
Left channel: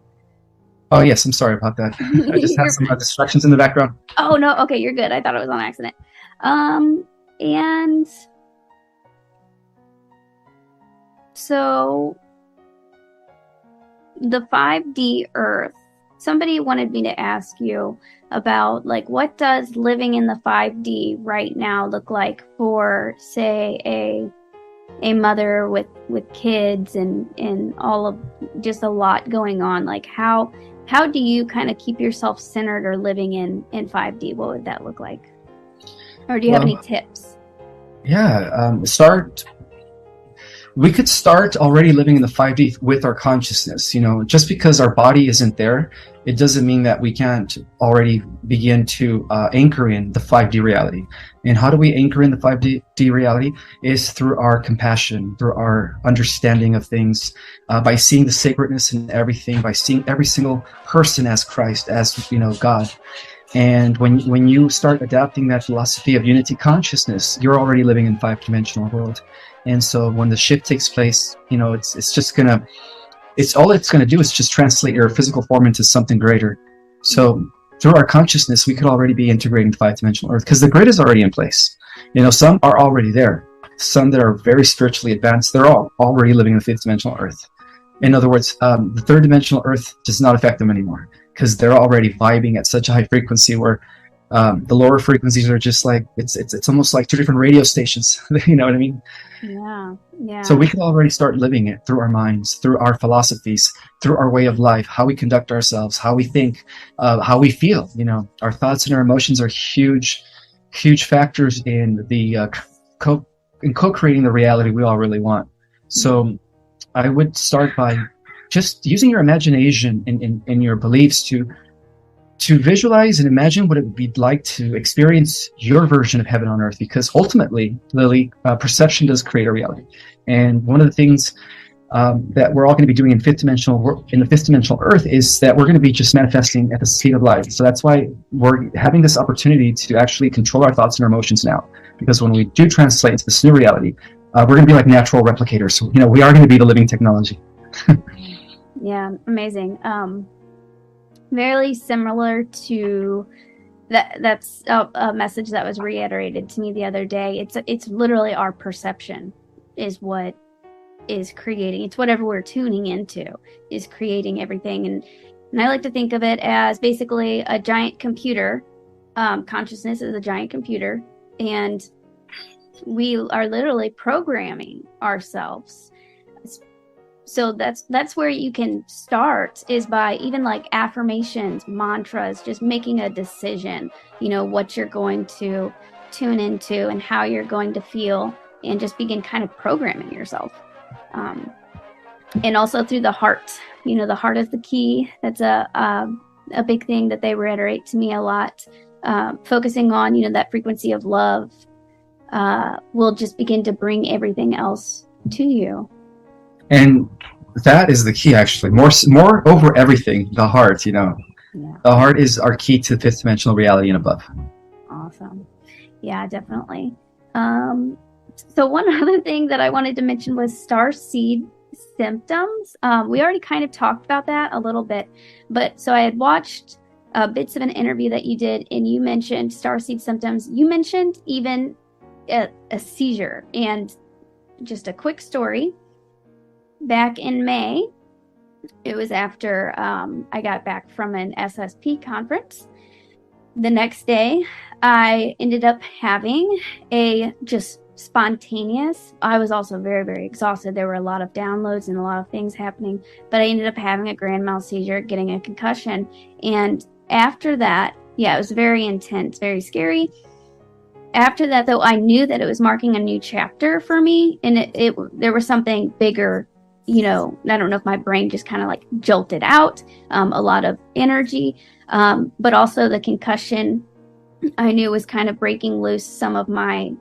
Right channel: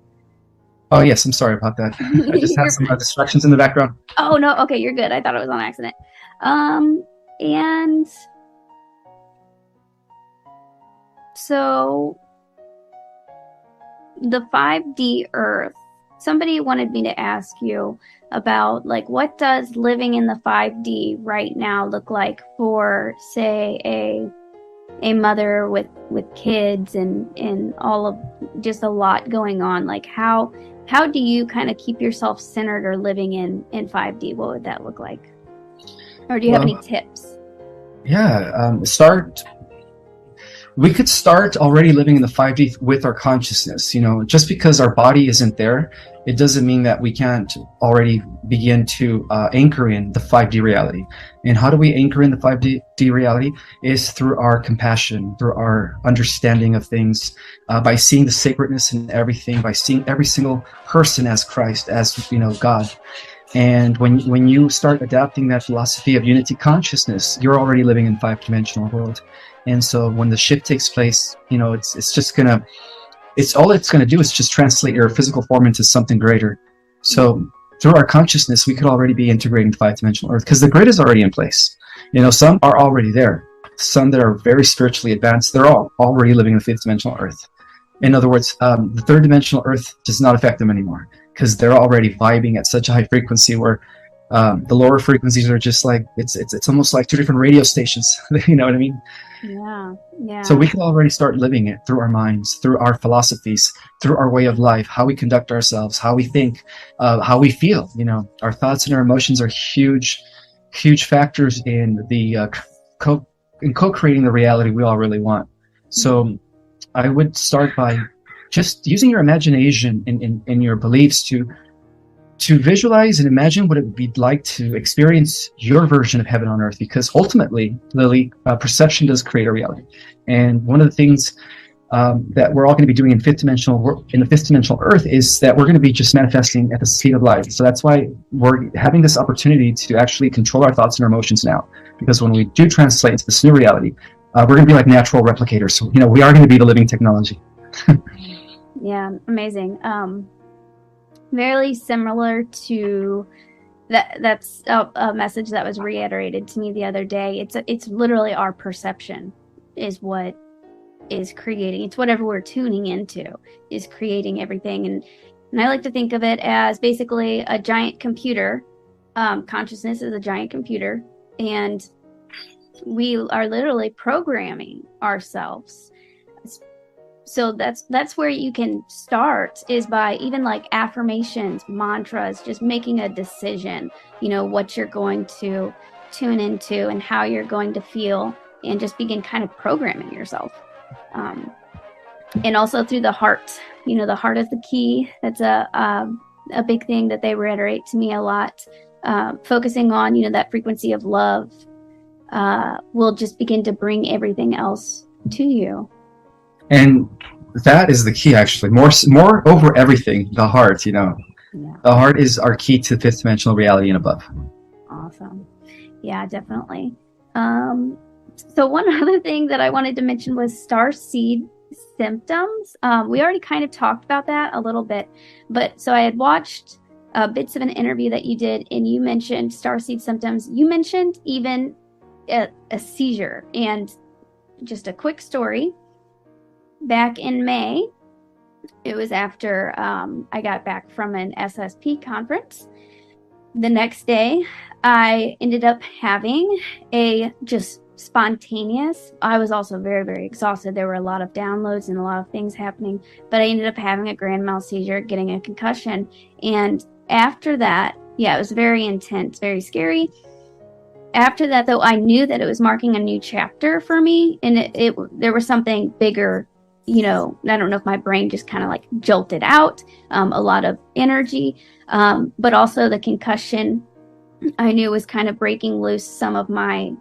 Oh yes, I'm sorry about that. I just have some distractions in the background. Oh no, okay, you're good. I thought it was on accident. And so the 5D Earth, somebody wanted me to ask you about, like, what does living in the 5D right now look like for, say, a mother with kids and all of, just a lot going on? Like, how do you kind of keep yourself centered or living in 5D? What would that look like? Or do you have any tips? Yeah, we could start already living in the 5D with our consciousness. Just because our body isn't there, it doesn't mean that we can't already begin to anchor in the 5D reality. And how do we anchor in the 5D reality? Is through our compassion, through our understanding of things, by seeing the sacredness in everything, by seeing every single person as Christ, as God. And when you start adapting that philosophy of unity consciousness, you're already living in 5-dimensional world. And so when the shift takes place, all it's gonna do is just translate your physical form into something greater. So through our consciousness, we could already be integrating the 5-dimensional Earth, because the grid is already in place. Some are already there. Some that are very spiritually advanced, they're all already living in the 5th-dimensional Earth. In other words, the 3rd-dimensional Earth does not affect them anymore, because they're already vibing at such a high frequency where the lower frequencies are just like, it's almost like 2 different radio stations. You know what I mean? Yeah. So we can already start living it through our minds, through our philosophies, through our way of life, how we conduct ourselves, how we think, how we feel. Our thoughts and our emotions are huge factors in the co-creating the reality we all really want. So I would start by just using your imagination and your beliefs to visualize and imagine what it would be like to experience your version of heaven on earth, because ultimately, Lily, perception does create a reality. And one of the things that we're all going to be doing in the fifth dimensional Earth is that we're going to be just manifesting at the speed of light. So that's why we're having this opportunity to actually control our thoughts and our emotions now. Because when we do translate into this new reality, we're going to be like natural replicators. So, we are going to be the living technology. Yeah, amazing. Very similar to that's a message that was reiterated to me the other day. It's literally our perception. is what is creating. It's whatever we're tuning into is creating everything. And I like to think of it as basically a giant computer. Consciousness is a giant computer, and we are literally programming ourselves. So that's where you can start, is by even like affirmations, mantras, just making a decision, what you're going to tune into and how you're going to feel, and just begin kind of programming yourself. And also through the heart. The heart is the key. That's a big thing that they reiterate to me a lot. Focusing on, that frequency of love will just begin to bring everything else to you. And that is the key, actually. More over everything, the heart, The heart is our key to fifth dimensional reality and above. Awesome. Yeah, definitely. So one other thing that I wanted to mention was starseed symptoms. We already kind of talked about that a little bit, but so I had watched bits of an interview that you did, and you mentioned starseed symptoms. You mentioned even a seizure. And just a quick story. Back in May, it was after I got back from an SSP conference. The next day, I ended up having a just spontaneous. I was also very, very exhausted. There were a lot of downloads and a lot of things happening, but I ended up having a grand mal seizure, getting a concussion. And after that, it was very intense, very scary. After that, though, I knew that it was marking a new chapter for me, and there was something bigger. I don't know if my brain just kind of like jolted out, a lot of energy, but also the concussion, I knew was kind of breaking loose some of my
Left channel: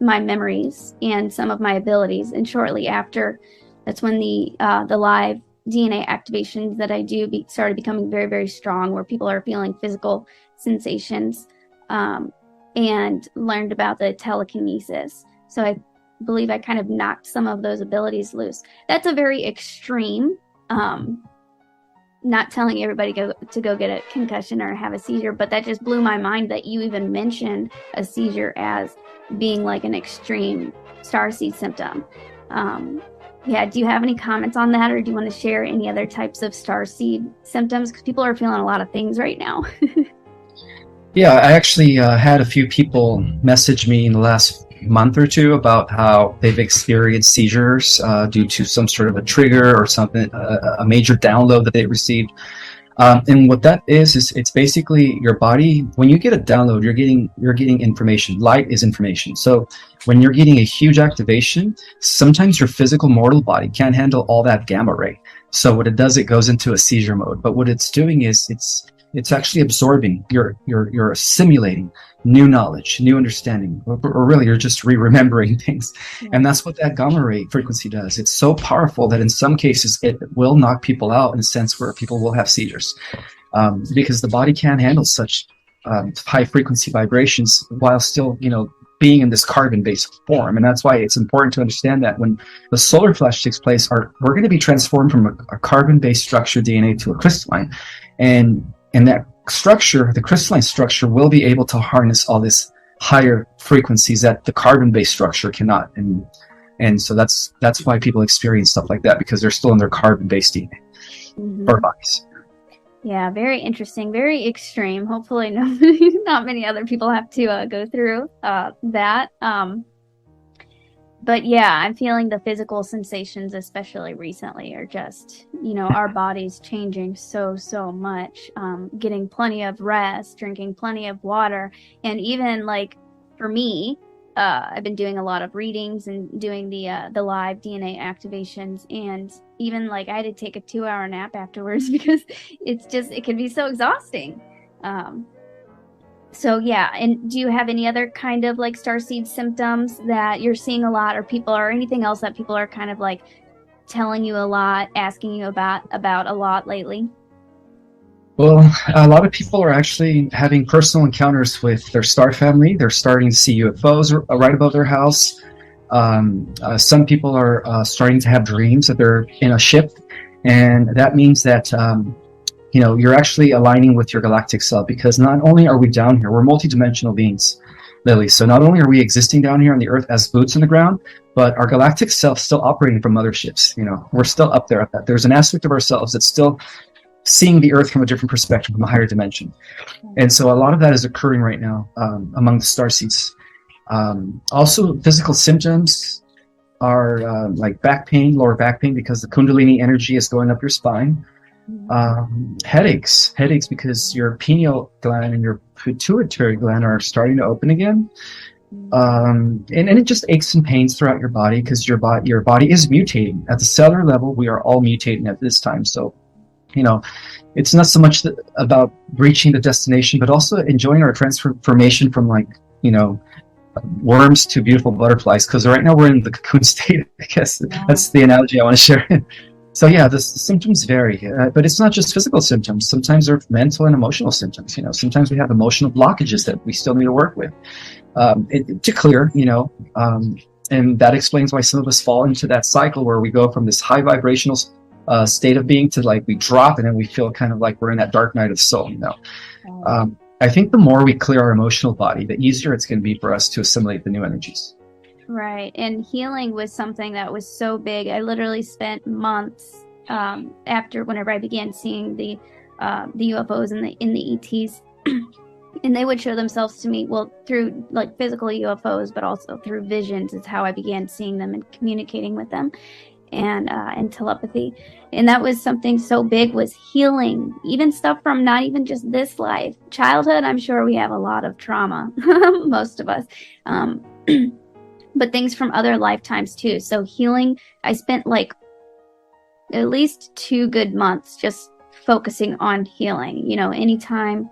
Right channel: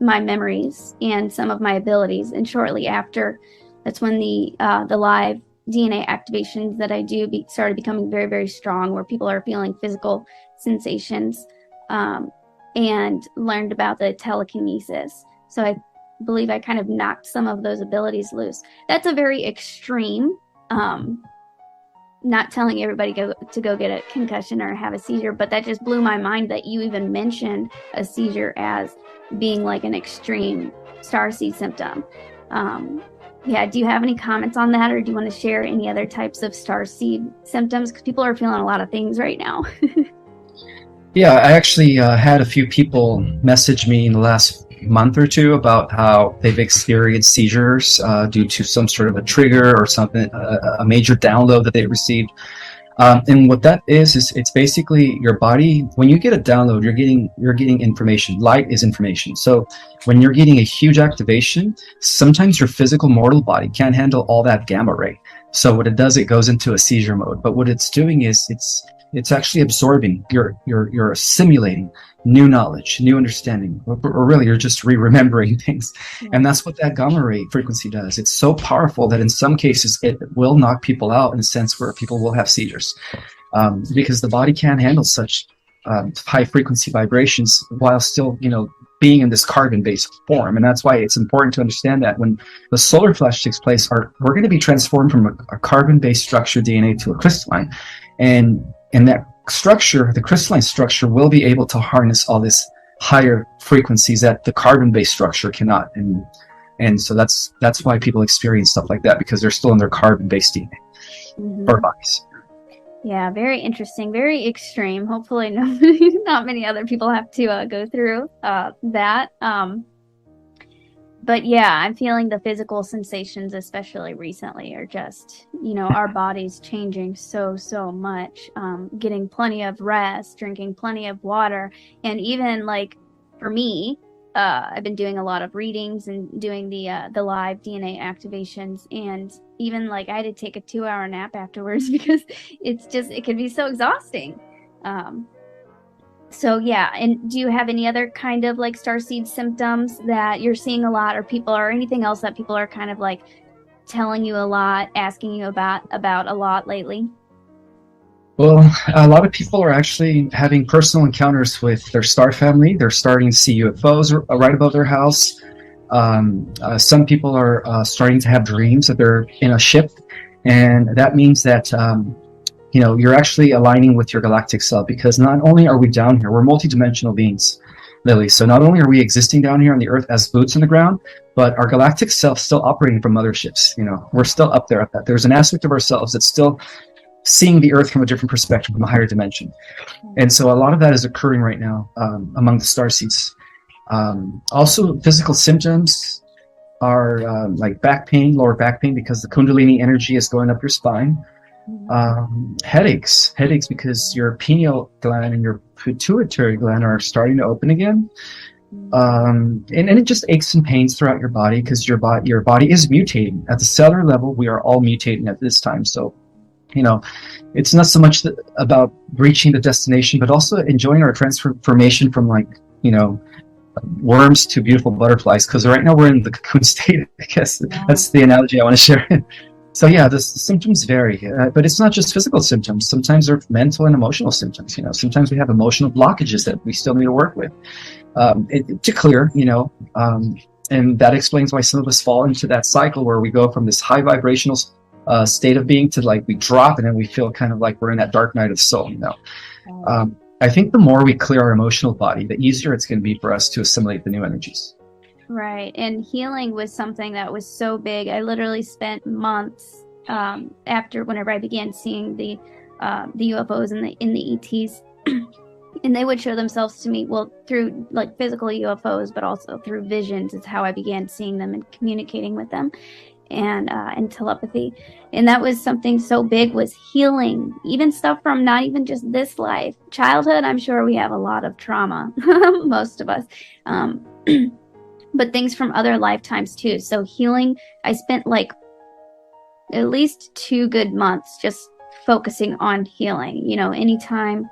memories and some of my abilities. And shortly after, that's when the live DNA activations that I do started becoming very, very strong, where people are feeling physical sensations, and learned about the telekinesis. So I believe I kind of knocked some of those abilities loose. That's a very extreme, not telling everybody to go get a concussion or have a seizure, but that just blew my mind that you even mentioned a seizure as being like an extreme starseed symptom. Do you have any comments on that, or do you want to share any other types of starseed symptoms? Because people are feeling a lot of things right now. Yeah, I actually had a few people message me in the last month or two about how they've experienced seizures due to some sort of a trigger or something, a major download that they received. And what that is it's basically your body. When you get a download, you're getting information. Light is information. So when you're getting a huge activation, sometimes your physical mortal body can't handle all that gamma ray. So what it does, it goes into a seizure mode. But what it's doing is it's actually absorbing. You're assimilating new knowledge, new understanding, or really you're just remembering things. Yeah. And that's what that gamma ray frequency does. It's so powerful that in some cases it will knock people out, in a sense where people will have seizures, because the body can't handle such high frequency vibrations while still, being in this carbon-based form. And that's why it's important to understand that when the solar flash takes place, we're going to be transformed from a carbon-based structure DNA to a crystalline. And that structure, the crystalline structure, will be able to harness all this higher frequencies that the carbon-based structure cannot. And so that's why people experience stuff like that, because they're still in their carbon-based DNA or bodies. Yeah, very interesting, very extreme. Hopefully not many other people have to go through that. But yeah, I'm feeling the physical sensations, especially recently, are just, our bodies changing so much. Getting plenty of rest, drinking plenty of water. And even like for me, I've been doing a lot of readings and doing the live DNA activations. And even like I had to take a 2-hour nap afterwards because it can be so exhausting. So yeah, and do you have any other kind of like starseed symptoms that you're seeing a lot, or anything else that people are kind of like telling you a lot, asking you about a lot lately? Well, a lot of people are actually having personal encounters with their star family. They're starting to see UFOs right above their house. Some people are starting to have dreams that they're in a ship, and that means that you're actually aligning with your galactic self, because not only are we down here, we're multidimensional beings. Lily. So not only are we existing down here on the Earth as boots on the ground, but our galactic self still operating from motherships. We're still up there. There's an aspect of ourselves that's still seeing the Earth from a different perspective, from a higher dimension. And so a lot of that is occurring right now among the starseeds. Also, physical symptoms are like back pain, lower back pain, because the Kundalini energy is going up your spine. Headaches because your pineal gland and your pituitary gland are starting to open again. And it just aches and pains throughout your body, because your body is mutating. At the cellular level, we are all mutating at this time. So, it's not so much about reaching the destination, but also enjoying our transformation from worms to beautiful butterflies, because right now we're in the cocoon state. I guess that's the analogy I want to share. So yeah, the symptoms vary, but it's not just physical symptoms. Sometimes they're mental and emotional symptoms. Sometimes we have emotional blockages that we still need to work with to clear. And that explains why some of us fall into that cycle where we go from this high vibrational state of being to we drop, and then we feel kind of like we're in that dark night of soul. I think the more we clear our emotional body, the easier it's going to be for us to assimilate the new energies. Right, and healing was something that was so big. I literally spent months whenever I began seeing the UFOs and the ETs, and they would show themselves to me, well, through physical UFOs, but also through visions. It's how I began seeing them and communicating with them, and telepathy. And that was something so big, was healing, even stuff from not even just this life, childhood. I'm sure we have a lot of trauma, most of us. But things from other lifetimes too. So healing, I spent at least 2 good months just focusing on healing. Anytime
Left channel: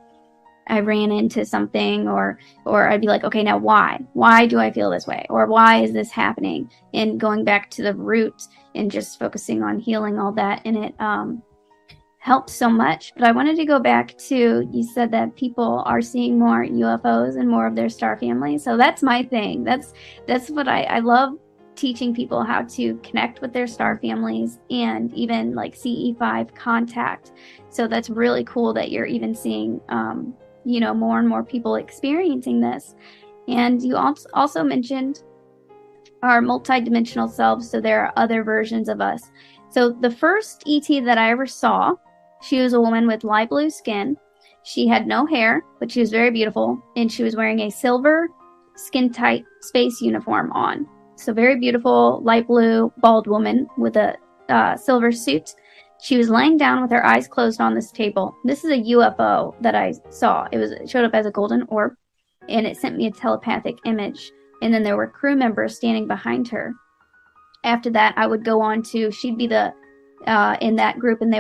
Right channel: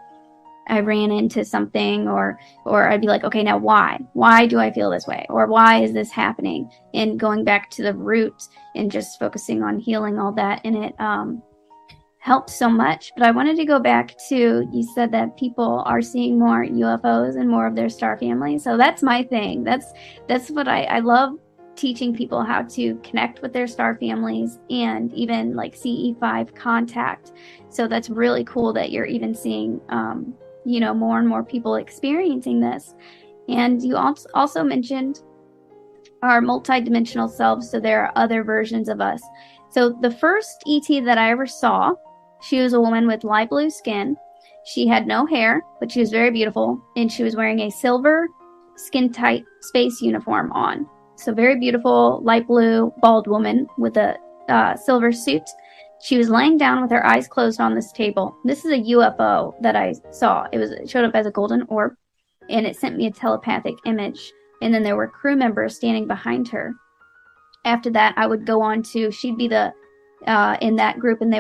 I ran into something, or I'd be like, okay, now why? Why do I feel this way? Or why is this happening? And going back to the roots and just focusing on healing all that. And it helps so much. But I wanted to go back to, you said that people are seeing more UFOs and more of their star families. So that's my thing. That's what I love, teaching people how to connect with their star families, and even CE5 contact. So that's really cool that you're even seeing, more and more people experiencing this. And you also mentioned our multidimensional selves. So there are other versions of us. So the first ET that I ever saw, she was a woman with light blue skin. She had no hair, but she was very beautiful. And she was wearing a silver skin-tight space uniform on. So very beautiful, light blue, bald woman with a silver suit. She was laying down with her eyes closed on this table. This is a UFO that I saw. It showed up as a golden orb, and it sent me a telepathic image. And then there were crew members standing behind her. After that, I would go on to, she'd be the in that group, and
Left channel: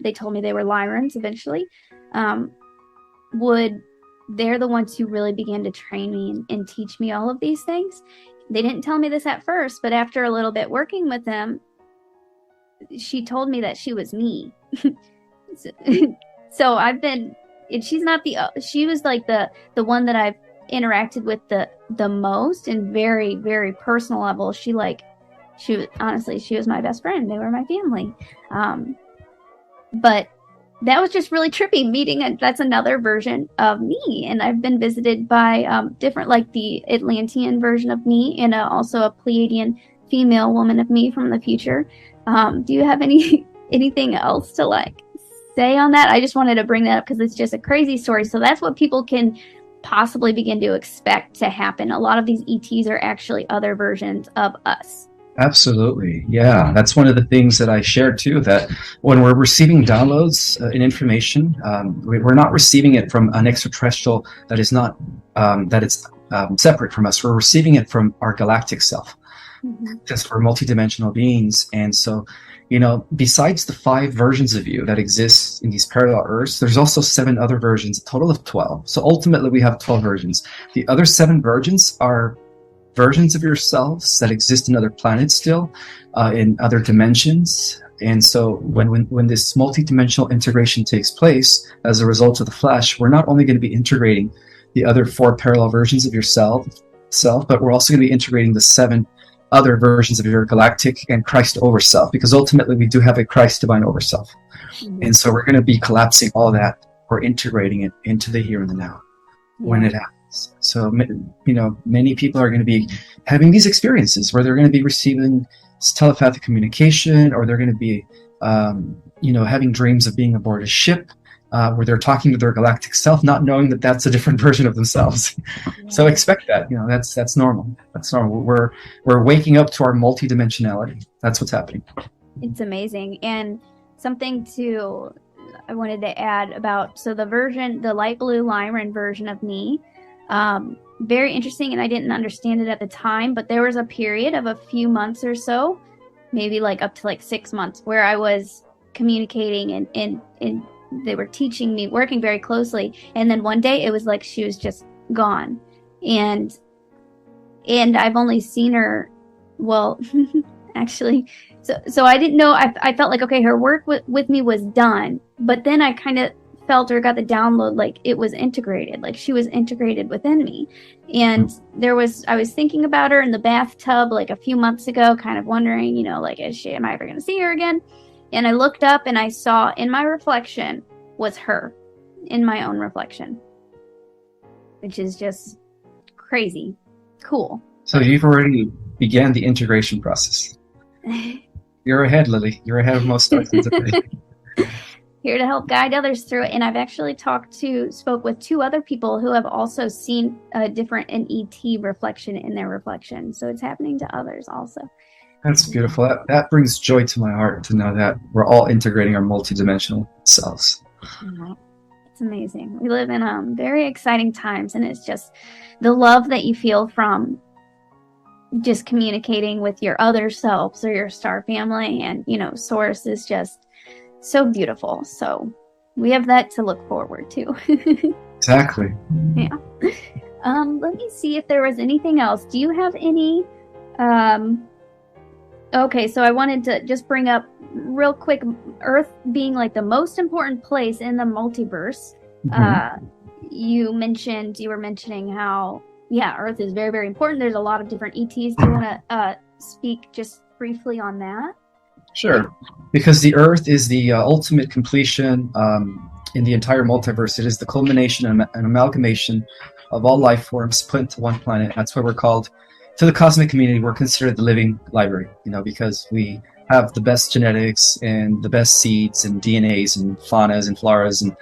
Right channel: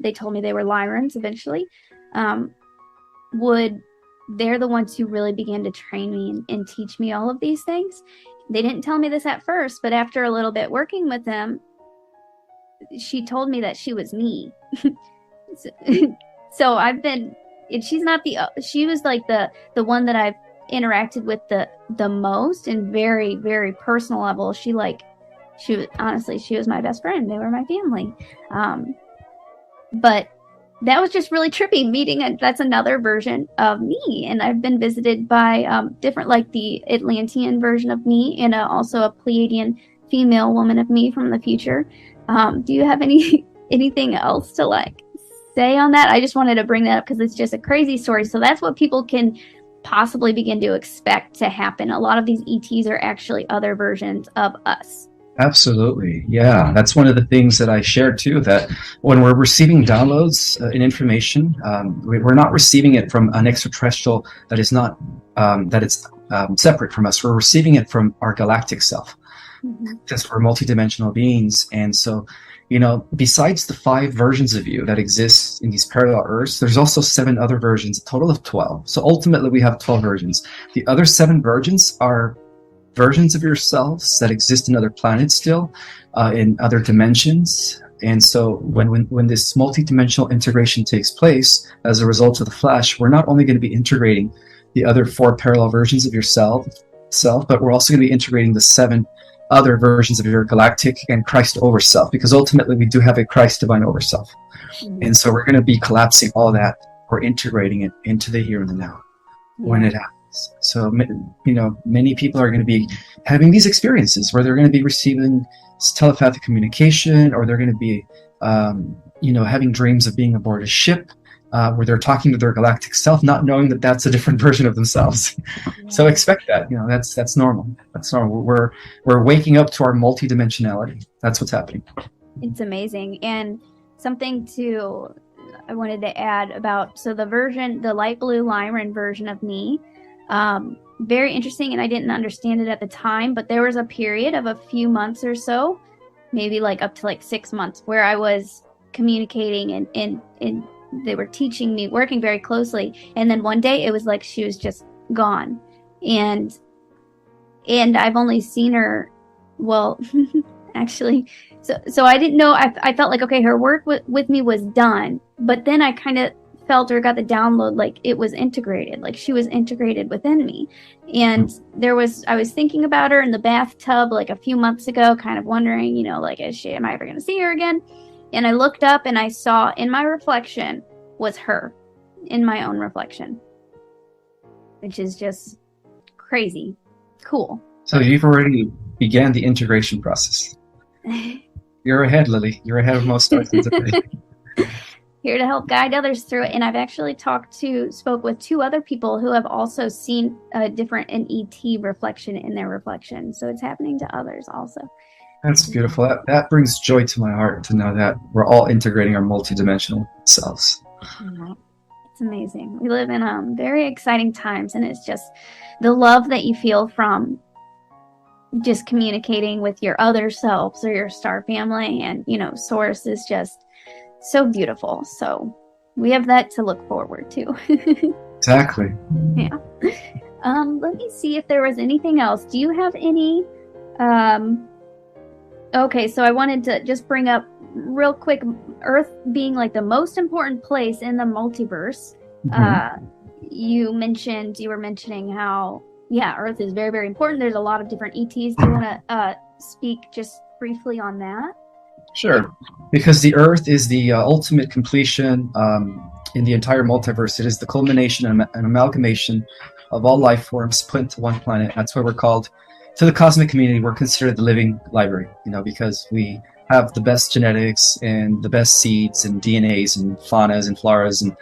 they told me they were Lyrans eventually. They're the ones who really began to train me and teach me all of these things. They didn't tell me this at first, but after a little bit working with them, she told me that she was me. So I've been, and she was the one that I've interacted with the most, and very, very personal level. She was my best friend. They were my family. But that was just really trippy meeting. That's another version of me. And I've been visited by different, the Atlantean version of me, and also a Pleiadian female woman of me from the future. Do you have anything else to say on that? I just wanted to bring that up because it's just a crazy story. So that's what people can possibly begin to expect to happen. A lot of these ETs are actually other versions of us. Absolutely. Yeah. That's one of the things that I shared too, that when we're receiving downloads and information, we're not receiving it from an extraterrestrial that is not, separate from us. We're receiving it from our galactic self, because we're multidimensional beings. And so, besides the 5 versions of you that exist in these parallel Earths, there's also 7 other versions, a total of 12. So ultimately we have 12 versions. The other 7 versions are versions of yourselves that exist in other planets still, in other dimensions. And so when this multidimensional integration takes place as a result of the flash, we're not only going to be integrating the other 4 parallel versions of yourself, but we're also going to be integrating the 7 other versions of your galactic and Christ overself, because ultimately we do have a Christ divine overself. And so we're going to be collapsing all that, or integrating it into the here and the now when it happens. So, many people are going to be having these experiences where they're going to be receiving telepathic communication, or they're going to be, having dreams of being aboard a ship, where they're talking to their galactic self, not knowing that that's a different version of themselves. So expect that. That's normal. That's normal. We're waking up to our multidimensionality. That's what's happening. It's amazing. And something too I wanted to add about, so the light blue Lyran version of me, very interesting, and I didn't understand it at the time, but there was a period of a few months or so, maybe like up to like 6 months, where I was communicating and they were teaching me, working very closely, and then one day it was like she was just gone. And I've only seen her, well, actually, so I didn't know, I felt like, okay, her work with me was done, but then I kind of felt or got the download like it was integrated, like she was integrated within me. And I was thinking about her in the bathtub like a few months ago, kind of wondering, like, am I ever going to see her again? And I looked up and I saw in my reflection was her, in my own reflection, which is just crazy cool. So you've already began the integration process. You're ahead, Lily. You're ahead of most stars today. Here to help guide others through it. And I've actually spoke with 2 other people who have also seen an ET reflection in their reflection. So it's happening to others also. That's beautiful. That brings joy to my heart to know that we're all integrating our multidimensional selves. It's amazing. We live in very exciting times, and it's just the love that you feel from just communicating with your other selves or your star family and, source is just so beautiful. So we have that to look forward to. Exactly. Yeah. Let me see if there was anything else. Do you have any? Okay, so I wanted to just bring up real quick, Earth being like the most important place in the multiverse. Mm-hmm. You were mentioning how, Earth is very, very important. There's a lot of different ETs. Do you want to speak just briefly on that? Sure. Because the Earth is the ultimate completion in the entire multiverse. It is the culmination and amalgamation of all life forms put into one planet. That's why we're called, to the cosmic community, we're considered the living library, because we have the best genetics and the best seeds and DNAs and faunas and floras and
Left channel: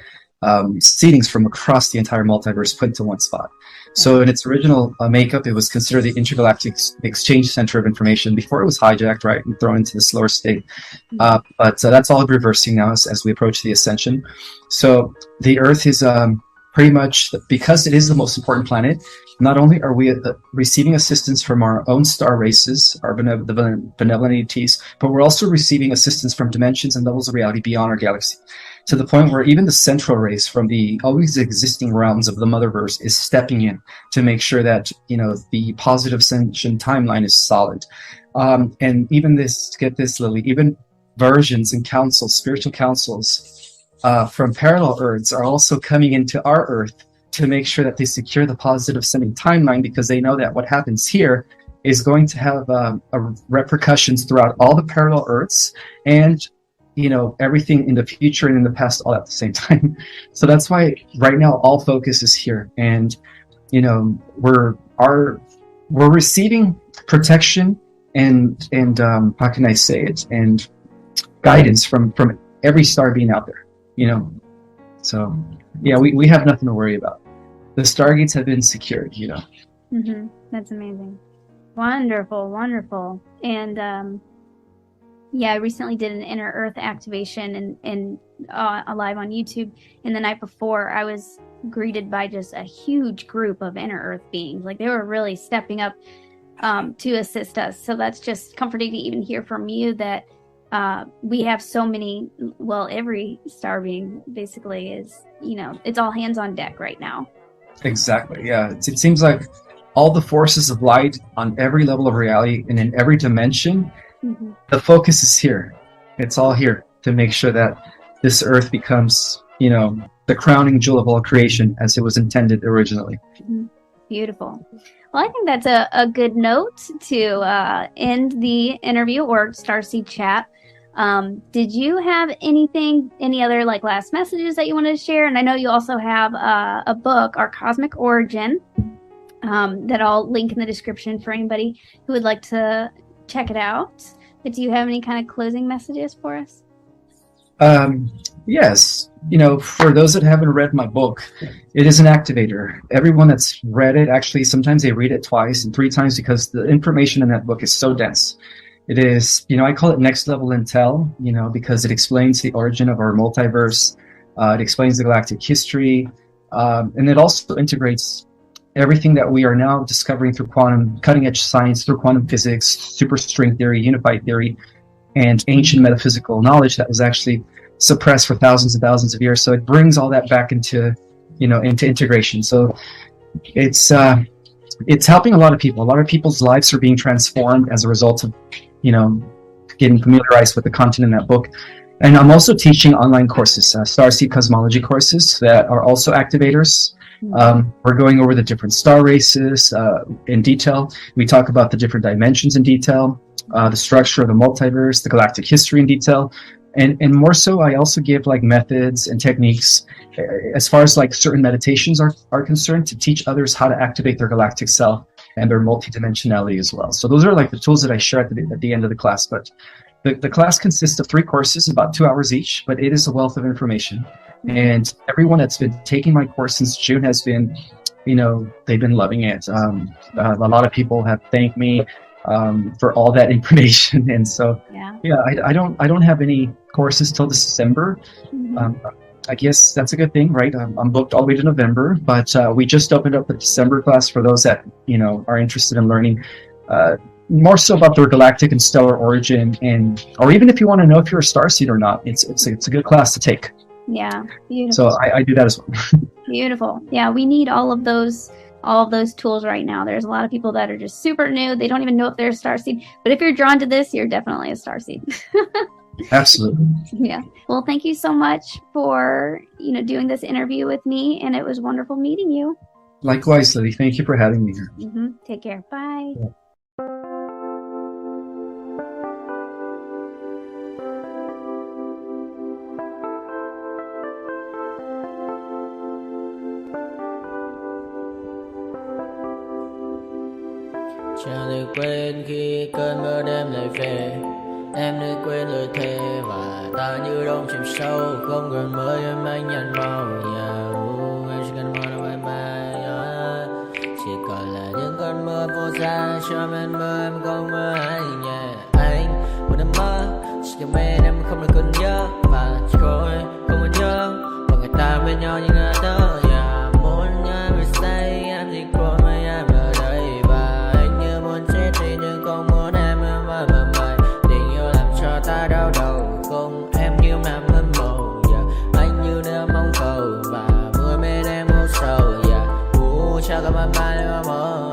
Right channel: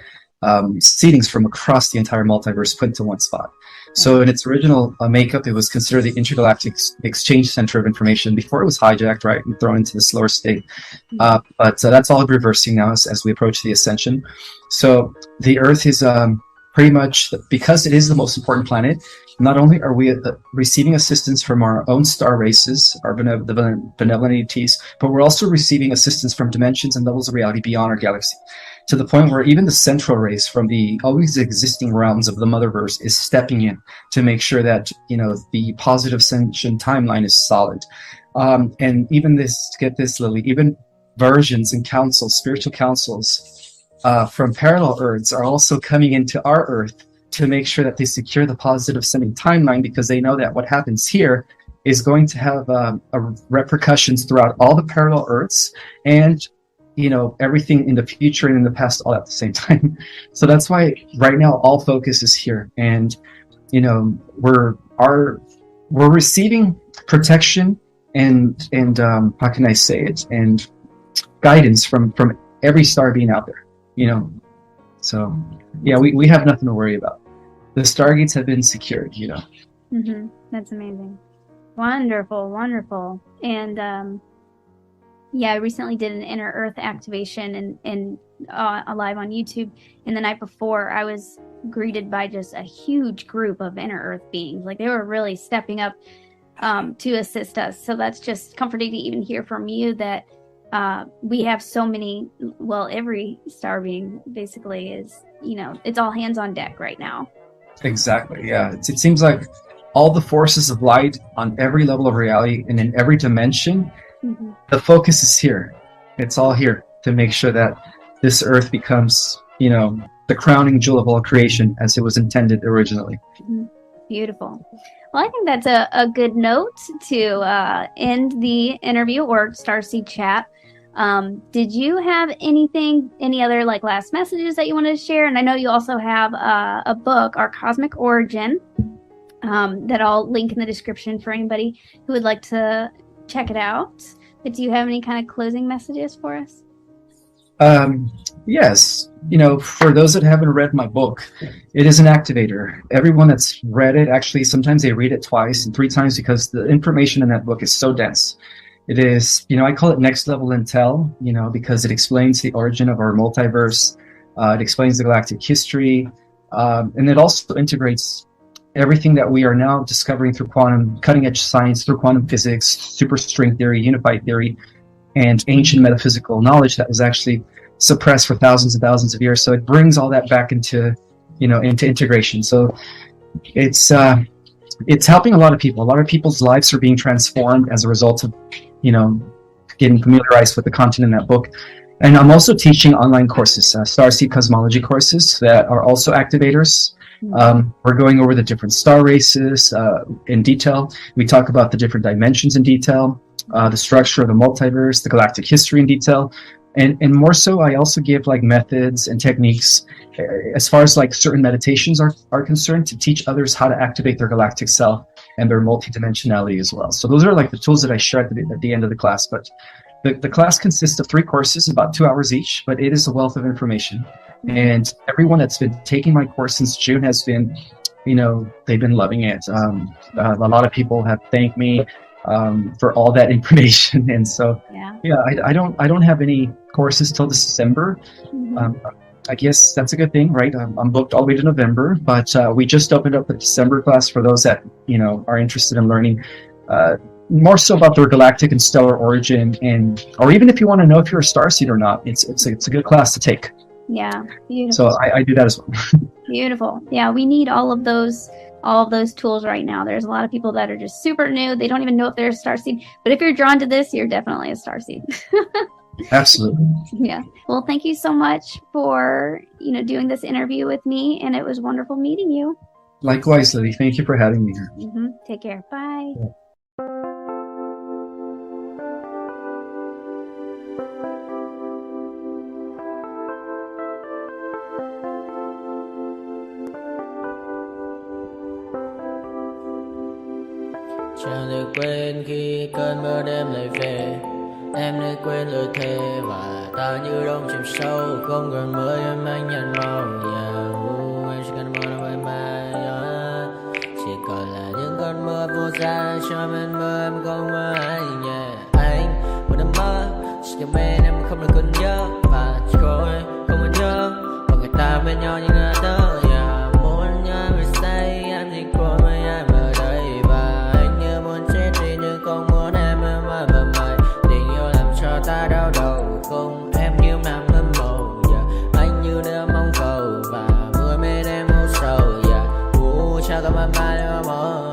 seedings from across the entire multiverse put into one spot. So in its original makeup, it was considered the intergalactic exchange center of information before it was hijacked, right, and thrown into this lower state. But that's all reversing now as we approach the ascension. So the Earth is pretty much, because it is the most important planet, not only are we receiving assistance from our own star races, our benevolent ETs, but we're also receiving assistance from dimensions and levels of reality beyond our galaxy, to the point where even the central race from the always existing realms of the Motherverse is stepping in to make sure that, the positive ascension timeline is solid. And even get this, Lily, even versions and councils, spiritual councils from parallel Earths are also coming into our Earth to make sure that they secure the positive ascending timeline, because they know that what happens here is going to have repercussions throughout all the parallel Earths and everything in the future and in the past all at the same time. So that's why right now all focus is here, and we're receiving protection and how can I say it, and guidance from every star being out there. So we have nothing to worry about. The stargates have been secured. Mm-hmm. That's amazing. Wonderful. And I recently did an inner Earth activation and live on YouTube. And the night before, I was greeted by just a huge group of inner Earth beings. Like, they were really stepping up to assist us. So that's just comforting to even hear from you that we have so many. Well, every star being basically is, it's all hands on deck right now. Exactly. Yeah. It seems like all the forces of light on every level of reality and in every dimension. Mm-hmm. The focus is here. It's all here to make sure that this Earth becomes, the crowning jewel of all creation as it was intended originally. Mm-hmm. Beautiful. Well, I think that's a good note to end the interview or Starseed chat. Did you have any other like last messages that you wanted to share? And I know you also have a book, Our Cosmic Origin, that I'll link in the description for anybody who would like to check it out. But do you have any kind of closing messages for us? Yes, for those that haven't read my book, it is an activator. Everyone that's read it, actually, sometimes they read it twice and three times because the information in that book is so dense. It is, I call it next level intel, because it explains the origin of our multiverse. It explains the galactic history, and it also integrates everything that we are now discovering through cutting edge science, through quantum physics, superstring theory, unified theory, and ancient metaphysical knowledge that was actually suppressed for thousands and thousands of years. So it brings all that back into integration. So it's helping a lot of people. A lot of people's lives are being transformed as a result of, getting familiarized with the content in that book. And I'm also teaching online courses, starseed cosmology courses that are also activators. We're going over the different star races in detail. We talk about the different dimensions in detail, the structure of the multiverse, the galactic history in detail, and more so, I also give like methods and techniques as far as like certain meditations are concerned to teach others how to activate their galactic self and their multidimensionality as well. So those are like the tools that I share at the end of the class. But the class consists of 3 courses, about 2 hours each, but it is a wealth of information. And everyone that's been taking my course since June has been, they've been loving it. A lot of people have thanked me for all that information. And so, I don't have any courses till December. I guess that's a good thing, right? I'm booked all the way to November, but we just opened up the December class for those that, are interested in learning more so about their galactic and stellar origin, or even if you want to know if you're a starseed or not, it's a good class to take. Yeah, beautiful. So I do that as well. Beautiful. Yeah, we need all of those tools right now. There's a lot of people that are just super new. They don't even know if they're a starseed. But if you're drawn to this, you're definitely a starseed. Absolutely. Yeah. Well, thank you so much for doing this interview with me, and it was wonderful meeting you. Likewise, Lily. Thank you for having me here. Take care. Bye. Yeah. Chẳng thể quên khi cơn mưa đêm lại về. Em đã quên lời thề và ta như đông chìm sâu. Không còn mới em anh nhận màu. Em chỉ cần mơ đâu em bay. Chỉ còn là những cơn mưa vô giá. Cho bên mơ em không mơ anh. Anh một đêm mơ. Chỉ cần bên em không được cơn nhớ. Và chỉ có em không muốn nhớ. Và người ta bên nhau như ngã tớ. Muốn nhớ về say em chỉ có mấy em ở đây. Và anh như muốn chết đi nhưng không muốn em mơ mày. Tình yêu làm cho ta đau đầu. Không em như nằm ngâm màu. Anh như đeo mong cầu. Và mưa bên em u sầu. Chắc có mà mai em mơ.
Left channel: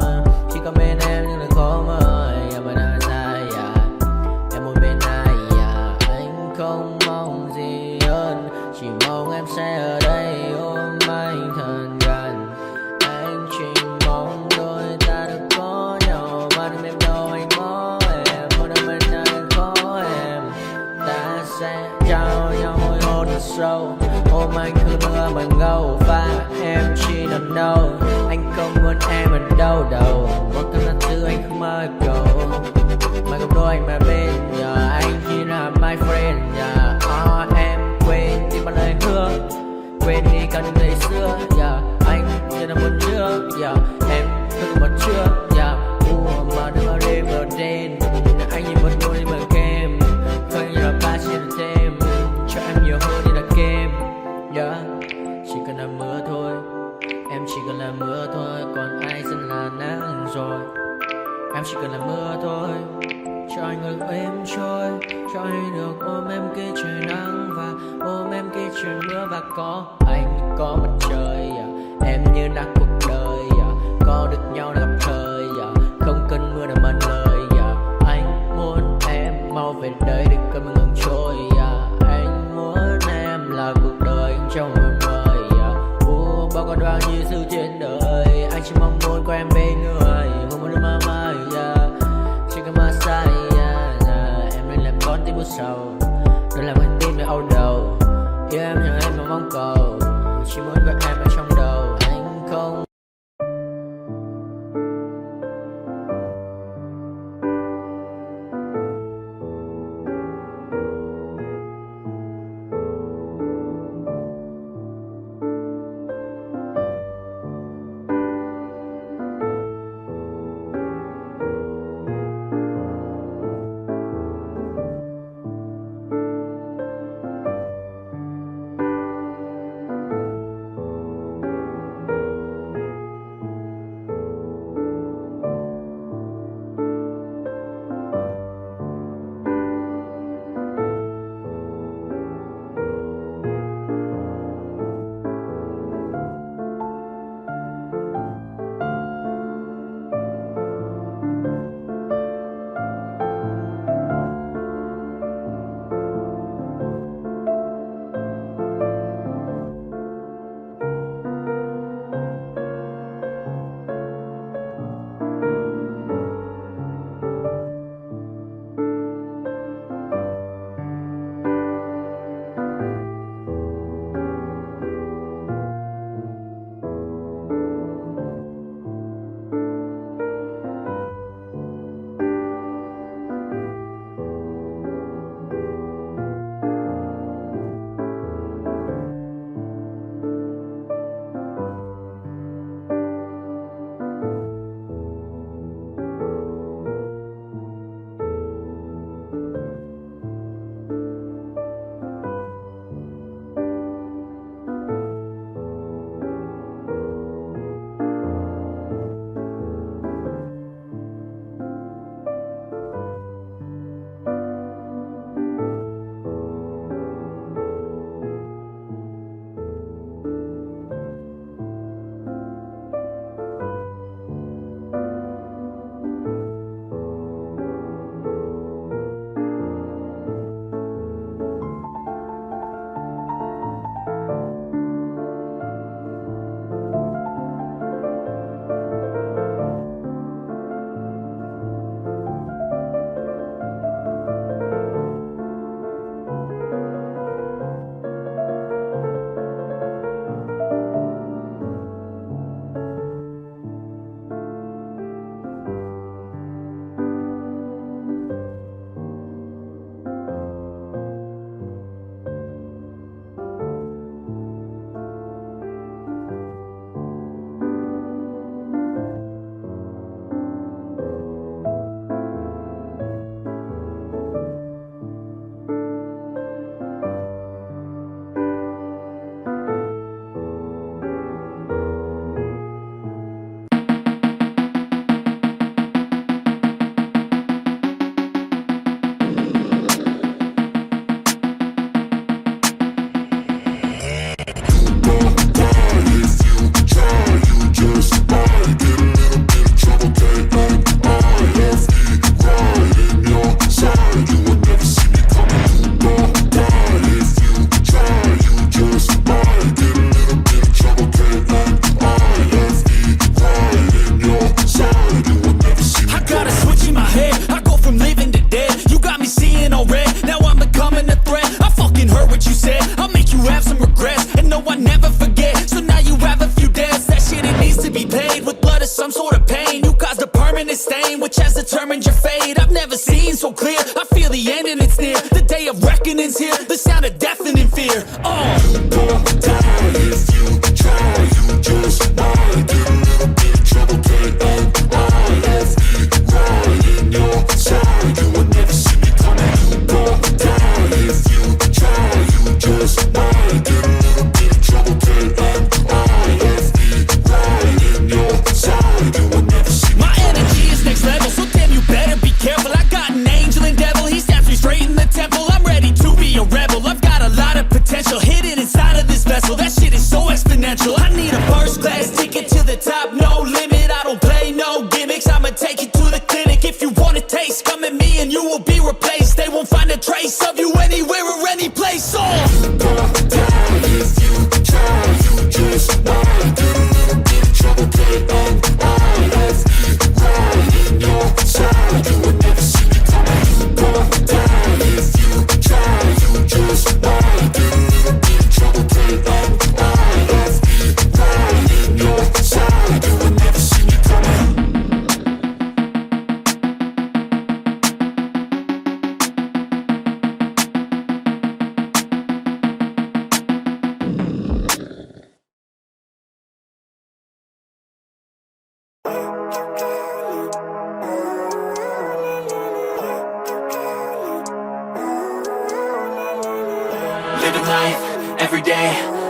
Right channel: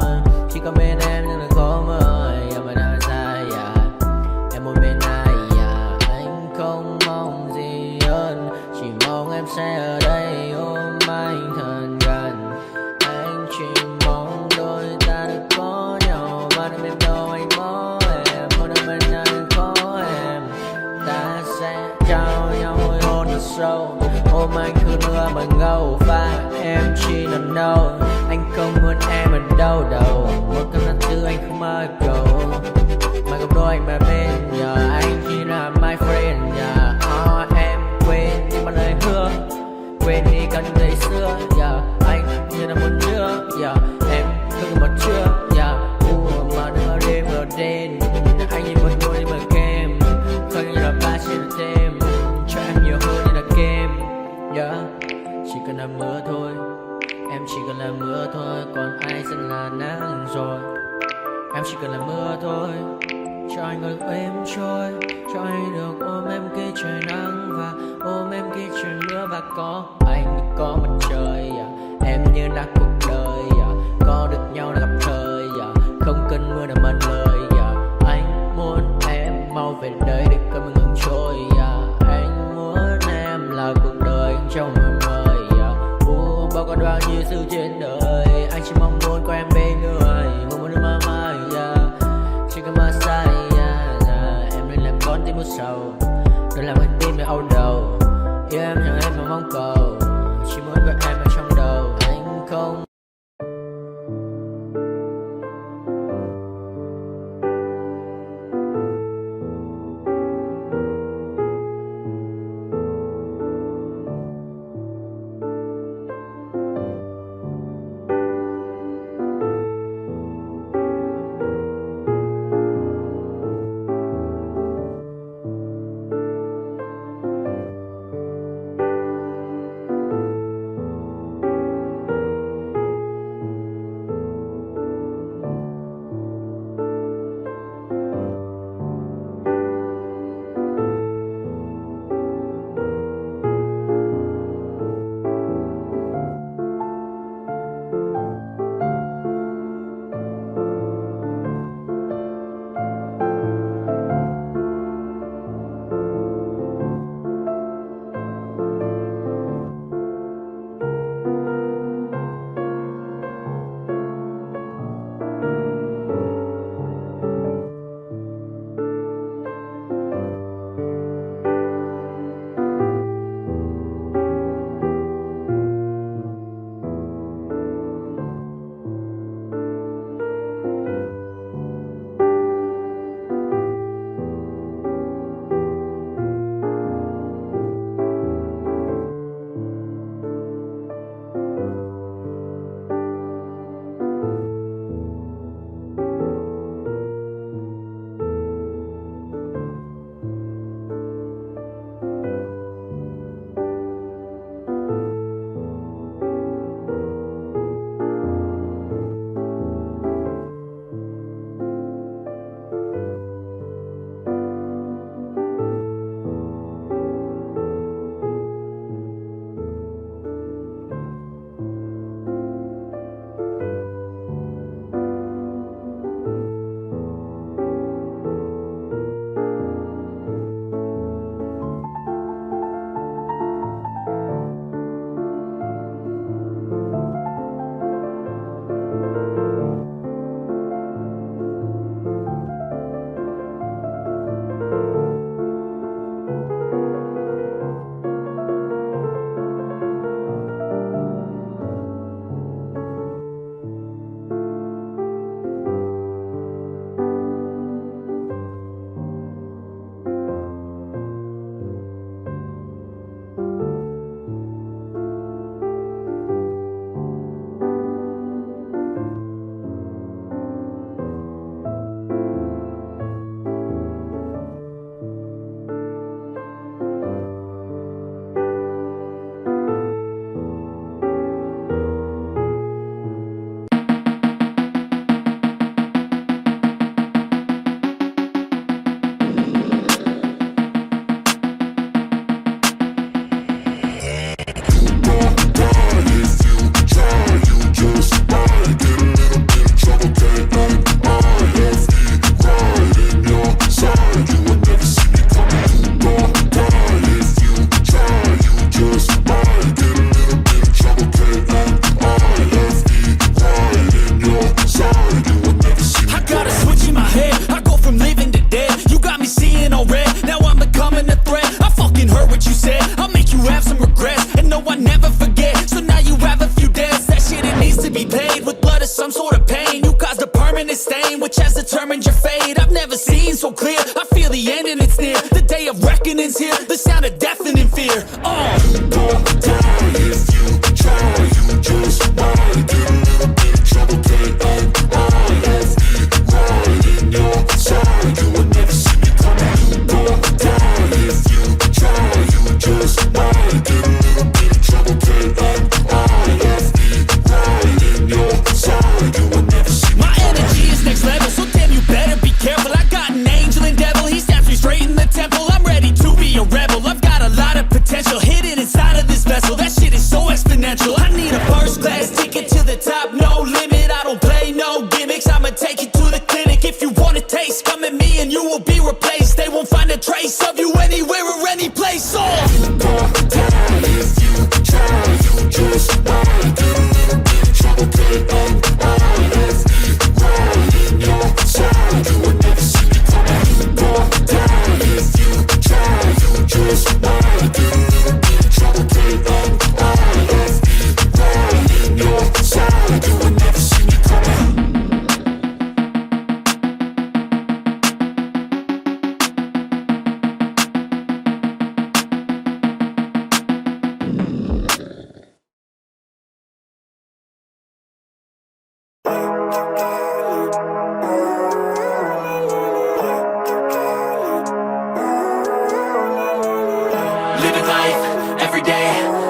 Chỉ có bên em nhưng đừng có mơ. Em ở nơi xa. Em muốn bên ai. Anh không mong gì hơn. Chỉ mong em sẽ ở đây ôm anh thật gần. Anh chỉ mong đôi ta được có nhau. Mà đừng em đâu anh có em. Muốn ở bên ai đừng có em. Ta sẽ trao nhau môi hôn thật sâu. Ôm anh cứ nữa mà ngâu. Và em chỉ nằm đâu. Anh không muốn em ở đâu đâu. Một cơn nắng thứ anh không mơ cầu. Mà không đôi anh mà bên nhà. Anh chỉ là my friend. Em quên đi bao lời hứa. Quên đi cả những ngày xưa. Anh như là muốn nước. Em cứ một chưa. Mà đừng vào đêm ở đêm. Anh nhìn một đôi đi bằng kem. Không như là ba trên thêm. Cho em nhiều hơn như là kem. Chỉ cần là mưa thôi. Em chỉ cần là mưa thôi. Còn ai sẽ là nắng rồi. Em chỉ cần là mưa thôi. Cho anh ngồi êm trôi. Cho anh được ôm em kia trời nắng. Và ôm em kia trời mưa. Và có anh có mặt trời. Em như là cuộc đời. Có được nhau là gặp thời. Không cần mưa để mần lời. Anh muốn em mau về đây để cơn mưa ngừng trôi. Anh muốn em là cuộc đời trong mưa mời. Bao còn bao nhiêu sự trên đời. Anh chỉ mong muốn có em bên người. Không muốn được mơ mơ. Chỉ cần mơ say. Em nên làm con tim một sầu. âu đầu. Yêu em nhưng em không mong cầu, chỉ muốn có em ở trong đầu. Anh không determined your fate. I've never seen so clear. I feel the end and it's near. The day of reckoning's here. The sound of deafening fear. You don't die if you try. You just might get a little bit of trouble. K-N-I-F-E right in your side. You will never see me coming. You don't die if you try. You just might get a little bit of trouble. K-N-I-F-E right in your side. You will never see me. My energy is next level, so damn you better be careful. I got an angel and devil. He stabs me straight in the temple. I'm ready to be a rebel. I've got a lot of potential hidden inside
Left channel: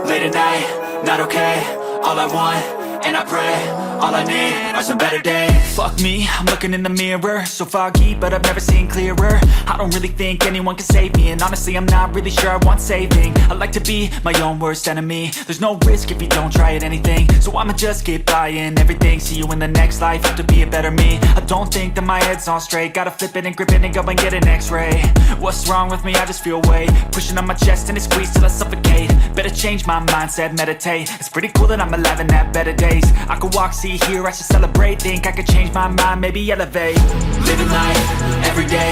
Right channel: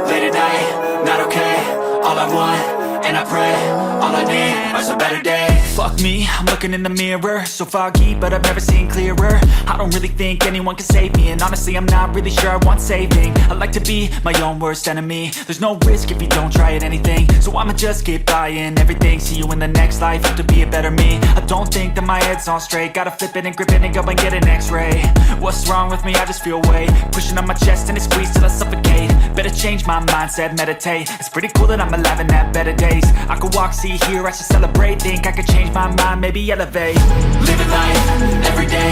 late at night, not okay. All I want, and I pray, all I need are some better days. Fuck me, I'm looking in the mirror, so foggy, but I've never seen clearer. I don't really think anyone can save me, and honestly I'm not really sure I want saving. I like to be my own worst enemy. There's no risk if you don't try at anything, so I'ma just keep buying everything. See you in the next life, have to be a better me. I don't think that my head's on straight, gotta flip it and grip it and go and get an x-ray. What's wrong with me? I just feel weight pushing on my chest and it squeezes till I suffocate. Better change my mindset, meditate. It's pretty cool that I'm alive and have better days. I could walk, see, hear, I should celebrate. Think I could change my mind, maybe elevate. Living life, every day,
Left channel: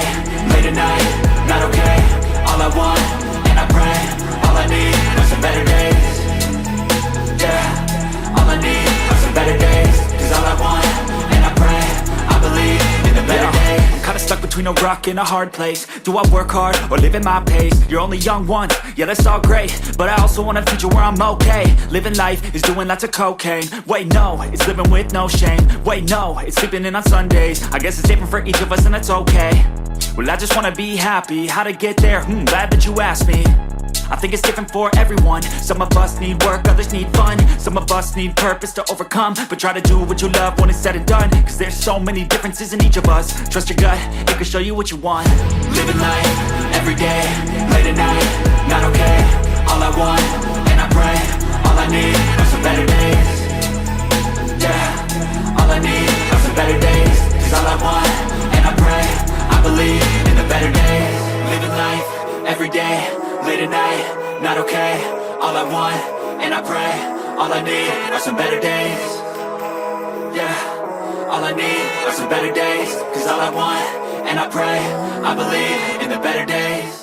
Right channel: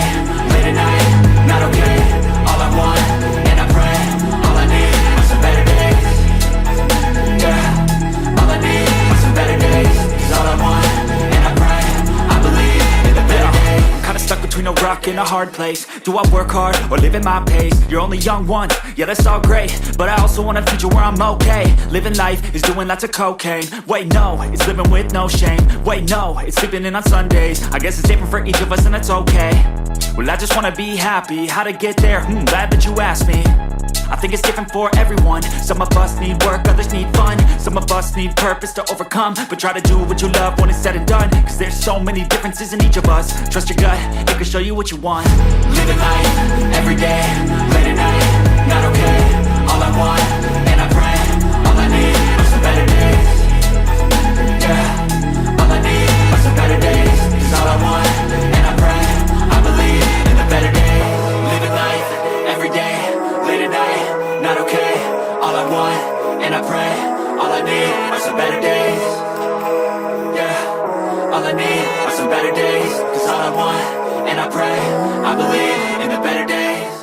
late at night, not okay. All I want, and I pray, all I need are some better days. Yeah, all I need are some better days. Cause all I want, and I pray, I believe in the better days. I'm kinda stuck between a rock and a hard place. Do I work hard or live at my pace? You're only young once, yeah that's all great, but I also want a future where I'm okay. Living life is doing lots of cocaine. Wait no, it's living with no shame. Wait no, it's sleeping in on Sundays. I guess it's different for each of us and that's okay. Well I just wanna be happy, how to get there? Glad that you asked me. I think it's different for everyone. Some of us need work, others need fun. Some of us need purpose to overcome. But try to do what you love when it's said and done. Cause there's so many differences in each of us. Trust your gut, it can show you what you want. Living life, every day, late at night, not okay. All I want, and I pray, all I need are some better days. Yeah, all I need are some better days. Cause all I want, and I pray, I believe in the better days. Living life, every day, late at night, not okay. All I want, and I pray, all I need are some better days. Yeah, all I need are some better days. Cause all I want, and I pray, I believe in the better days.